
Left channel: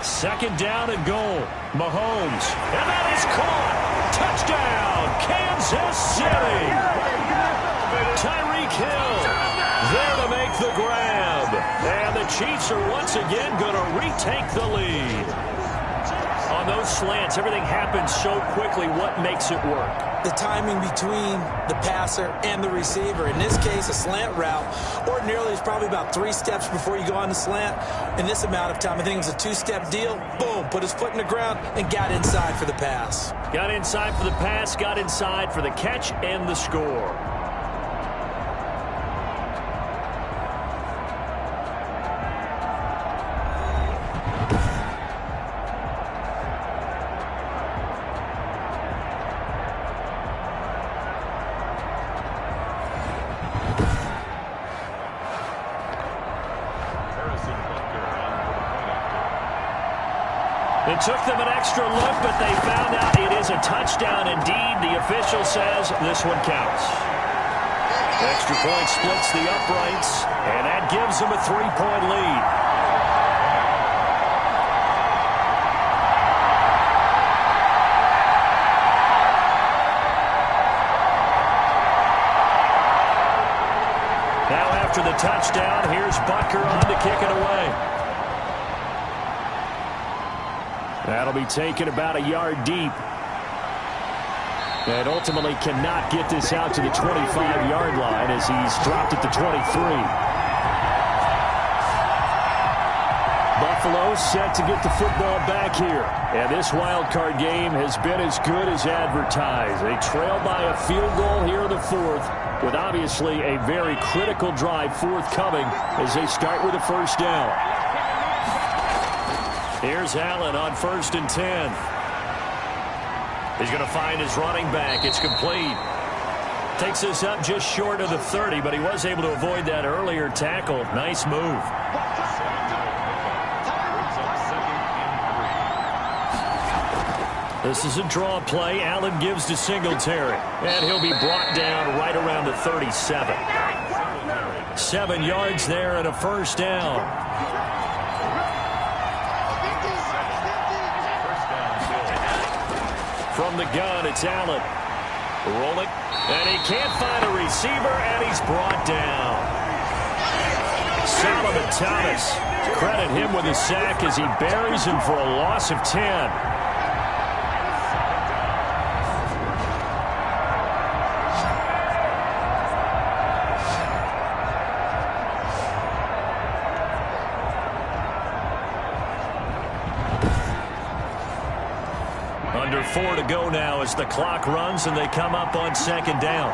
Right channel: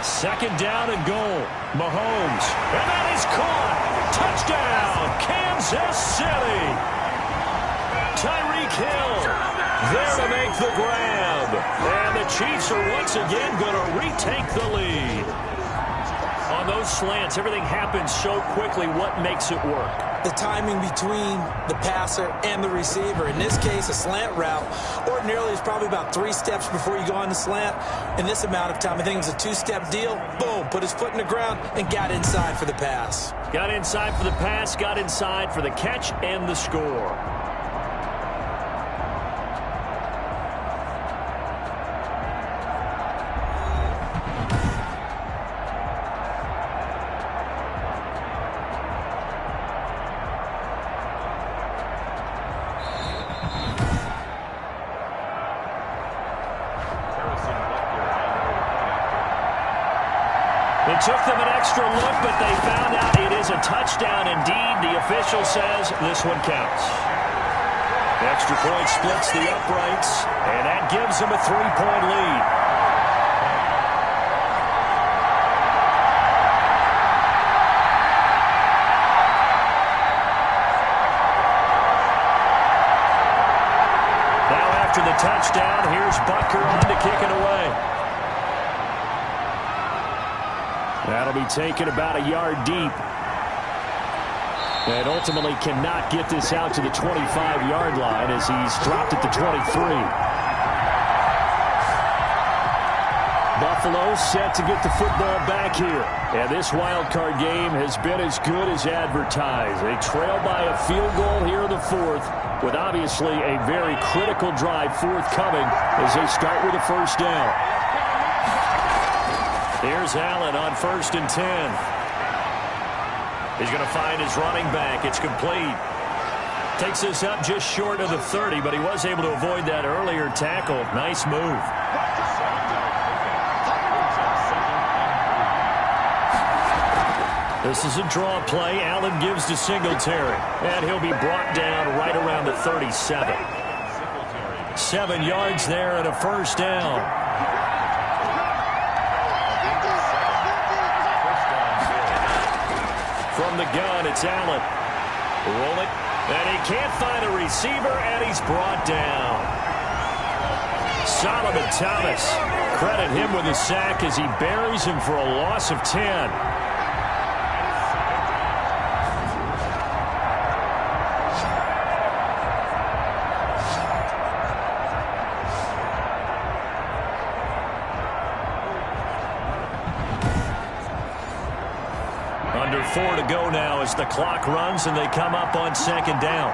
Second down and goal. Mahomes. And that is caught. Touchdown, Kansas City. Tyreek Hill there to make the grab. And the Chiefs are once again going to retake the lead. On those slants, everything happens so quickly. What makes it work? The timing between the passer and the receiver. In this case, a slant route ordinarily is probably about 3 steps before you go on the slant. In this amount of time, I think it was a 2-step deal. Boom, put his foot in the ground and got inside for the pass. Got inside for the pass, got inside for the catch and the score. It took them an extra look, but they found out it is a touchdown indeed. The official says this one counts. Extra point splits the uprights, and that gives them a 3-point lead. Now after the touchdown, here's Butker on to kick it away. That'll be taken about a yard deep. And ultimately cannot get this out to the 25-yard line as he's dropped at the 23. Buffalo set to get the football back here. And this wild card game has been as good as advertised. They trail by a field goal here in the 4th, with obviously a very critical drive forthcoming as they start with a first down. Here's Allen on 1st and 10. He's going to find his running back. It's complete. Takes this up just short of the 30, but he was able to avoid that earlier tackle. Nice move. This is a draw play. Allen gives to Singletary, and he'll be brought down right around the 37. 7 yards there and a first down. From the gun, it's Allen. Rolling, and he can't find a receiver, and he's brought down. Solomon Thomas, credit him with a sack as he buries him for a loss of 10. Under 4 to go now as the clock runs and they come up on second down.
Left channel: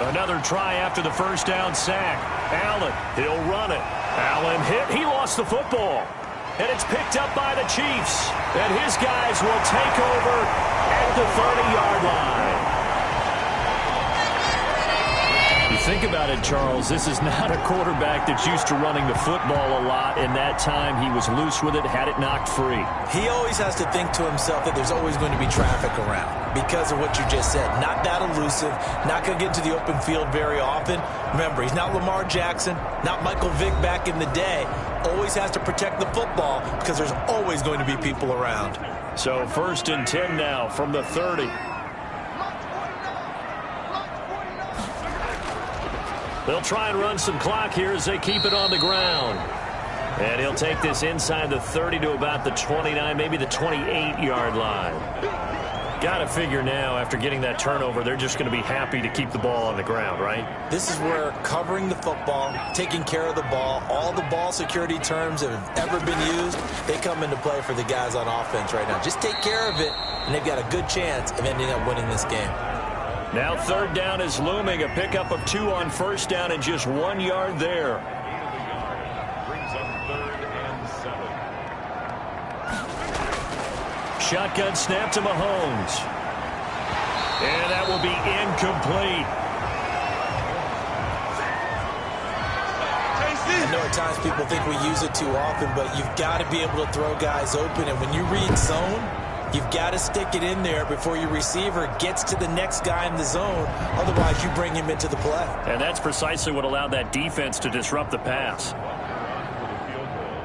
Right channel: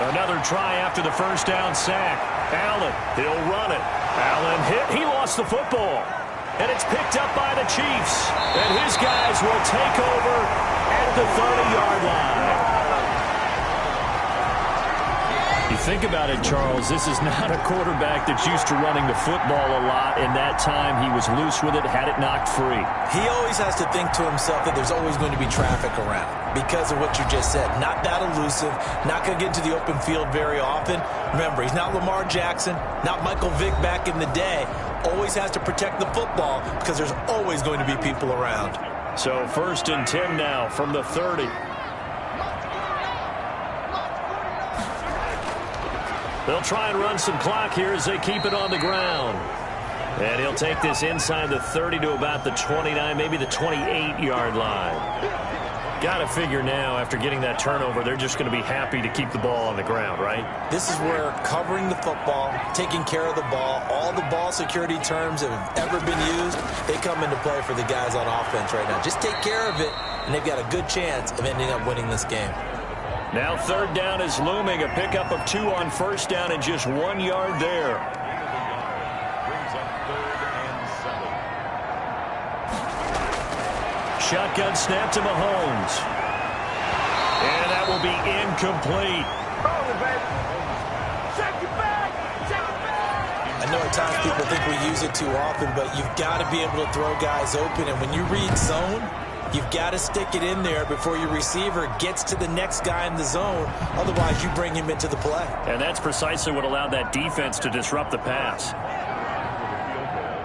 Another try after the first down sack. Allen, he'll run it. Allen hit. He lost the football. And it's picked up by the Chiefs. And his guys will take over at the 30-yard line. You think about it, Charles, this is not a quarterback that's used to running the football a lot. In that time, he was loose with it, had it knocked free. He always has to think to himself that there's always going to be traffic around because of what you just said. Not that elusive, not going to get into the open field very often. Remember, he's not Lamar Jackson, not Michael Vick back in the day. Always has to protect the football because there's always going to be people around. So 1st and 10 now from the 30. They'll try and run some clock here as they keep it on the ground. And he'll take this inside the 30 to about the 29, maybe the 28-yard line. Got to figure now, after getting that turnover, they're just going to be happy to keep the ball on the ground, right? This is where covering the football, taking care of the ball, all the ball security terms that have ever been used, they come into play for the guys on offense right now. Just take care of it, and they've got a good chance of ending up winning this game. Now 3rd down is looming. A pickup of 2 on 1st down and just 1 yard there. Brings up 3rd and 7. Shotgun snap to Mahomes. And that will be incomplete. I know at times people think we use it too often, but you've got to be able to throw guys open. And when you read zone, you've got to stick it in there before your receiver gets to the next guy in the zone. Otherwise, you bring him into the play. And that's precisely what allowed that defense to disrupt the pass. With a field goal,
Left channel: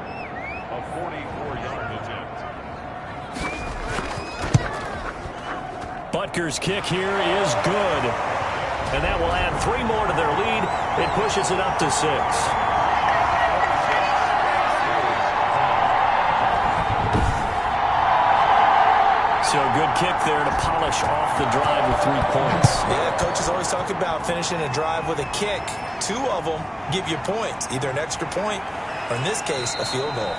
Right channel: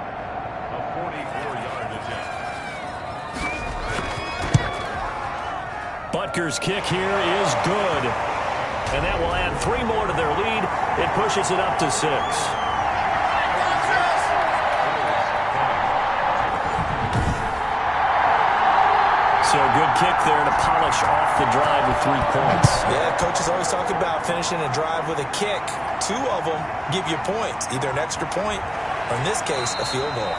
a 44-yard attempt. Butker's kick here is good. And that will add 3 more to their lead. It pushes it up to 6. So good kick there to polish off the drive with 3 points. Yeah, coaches always talk about finishing a drive with a kick. 2 of them give you points, either an extra point or, in this case, a field goal.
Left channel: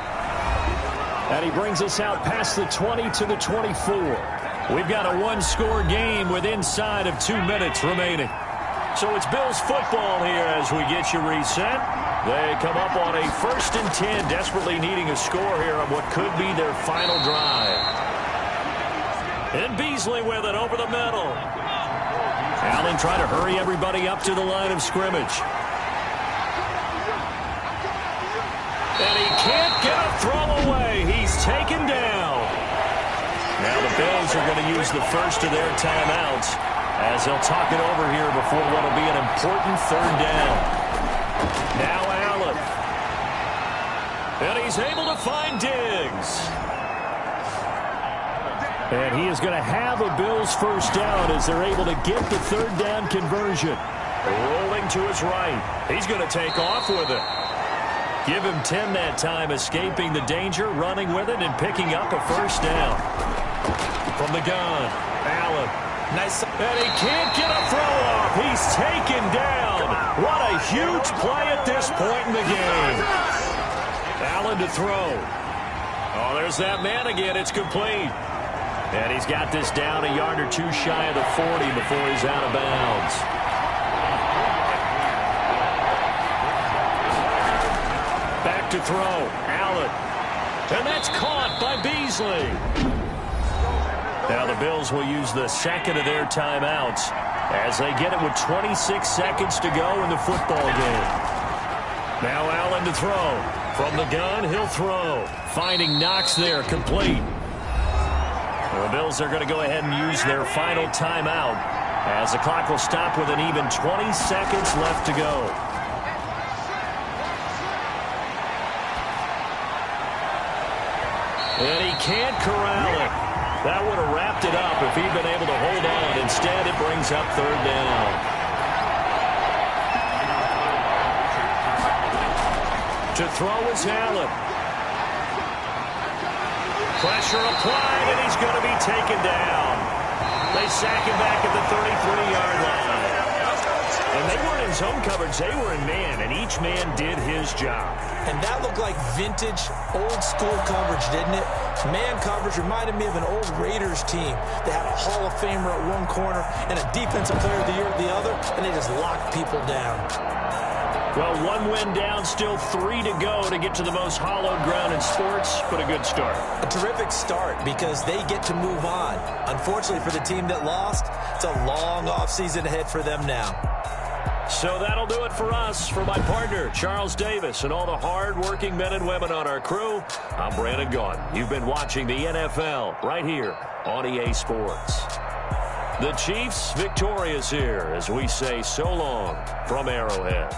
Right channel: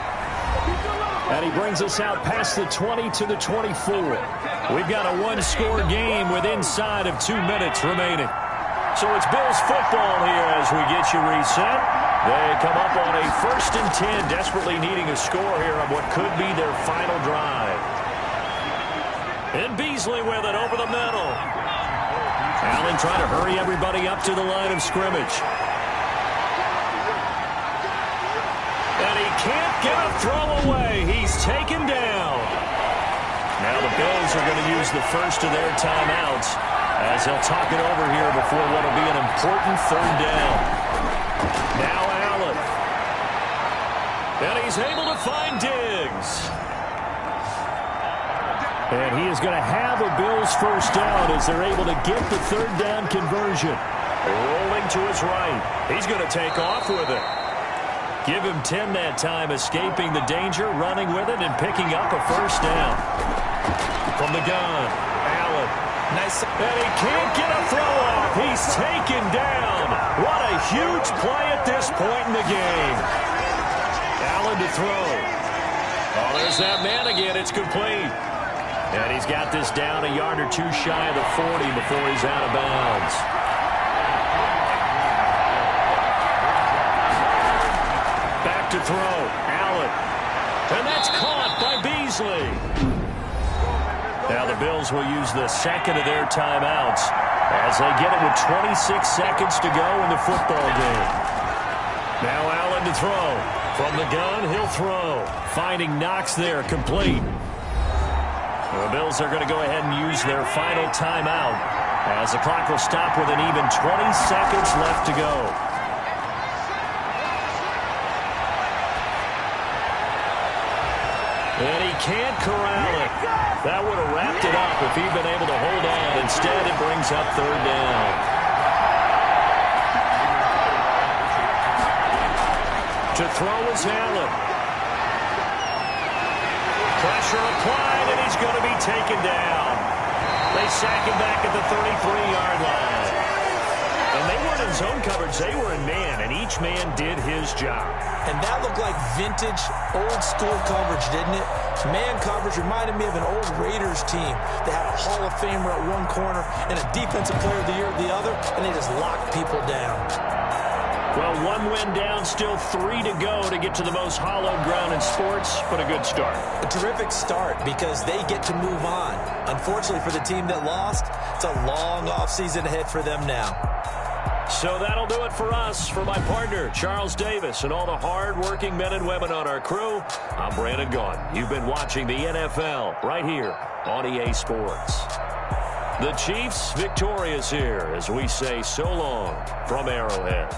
And he brings us out past the 20 to the 24. We've got a 1-score game with inside of 2 minutes remaining. So it's Bills football here as we get you reset. They come up on a 1st and 10, desperately needing a score here on what could be their final drive. And Beasley with it over the middle. Allen trying to hurry everybody up to the line of scrimmage. And he can't get a throw away. He's taken down. Now the Bills are going to use the first of their timeouts as they'll talk it over here before what will be an important 3rd down. Now Allen. And he's able to find Diggs. And he is going to have a Bills 1st down as they're able to get the 3rd down conversion. Rolling to his right. He's going to take off with it. Give him 10 that time, escaping the danger, running with it, and picking up a 1st down. From the gun, Allen. Nice. And he can't get a throw off. He's taken down. What a huge play at this point in the game. Allen to throw. Oh, there's that man again. It's complete. And he's got this down a yard or 2 shy of the 40 before he's out of bounds. Back to throw. Allen. And that's caught by Beasley. Now the Bills will use the 2nd of their timeouts as they get it with 26 seconds to go in the football game. Now Allen to throw. From the gun, he'll throw. Finding Knox there, complete. The Bills are going to go ahead and use their final timeout as the clock will stop with an even 20 seconds left to go. And he can't corral it. That would have wrapped it up if he'd been able to hold on. Instead, it brings up 3rd down. To throw is Allen. Pressure applied, and he's going to be taken down. They sack him back at the 33-yard line. And they weren't in zone coverage. They were in man, and each man did his job. And that looked like vintage, old-school coverage, didn't it? Man coverage reminded me of an old Raiders team. They had a Hall of Famer at one corner and a Defensive Player of the Year at the other, and they just locked people down. Well, one win down, still 3 to go to get to the most hallowed ground in sports, but a good start. A terrific start because they get to move on. Unfortunately for the team that lost, it's a long offseason ahead for them now. So that'll do it for us. For my partner, Charles Davis, and all the hard-working men and women on our crew, I'm Brandon Gaudin. You've been watching the NFL right here on EA Sports. The Chiefs victorious here as we say so long from Arrowhead.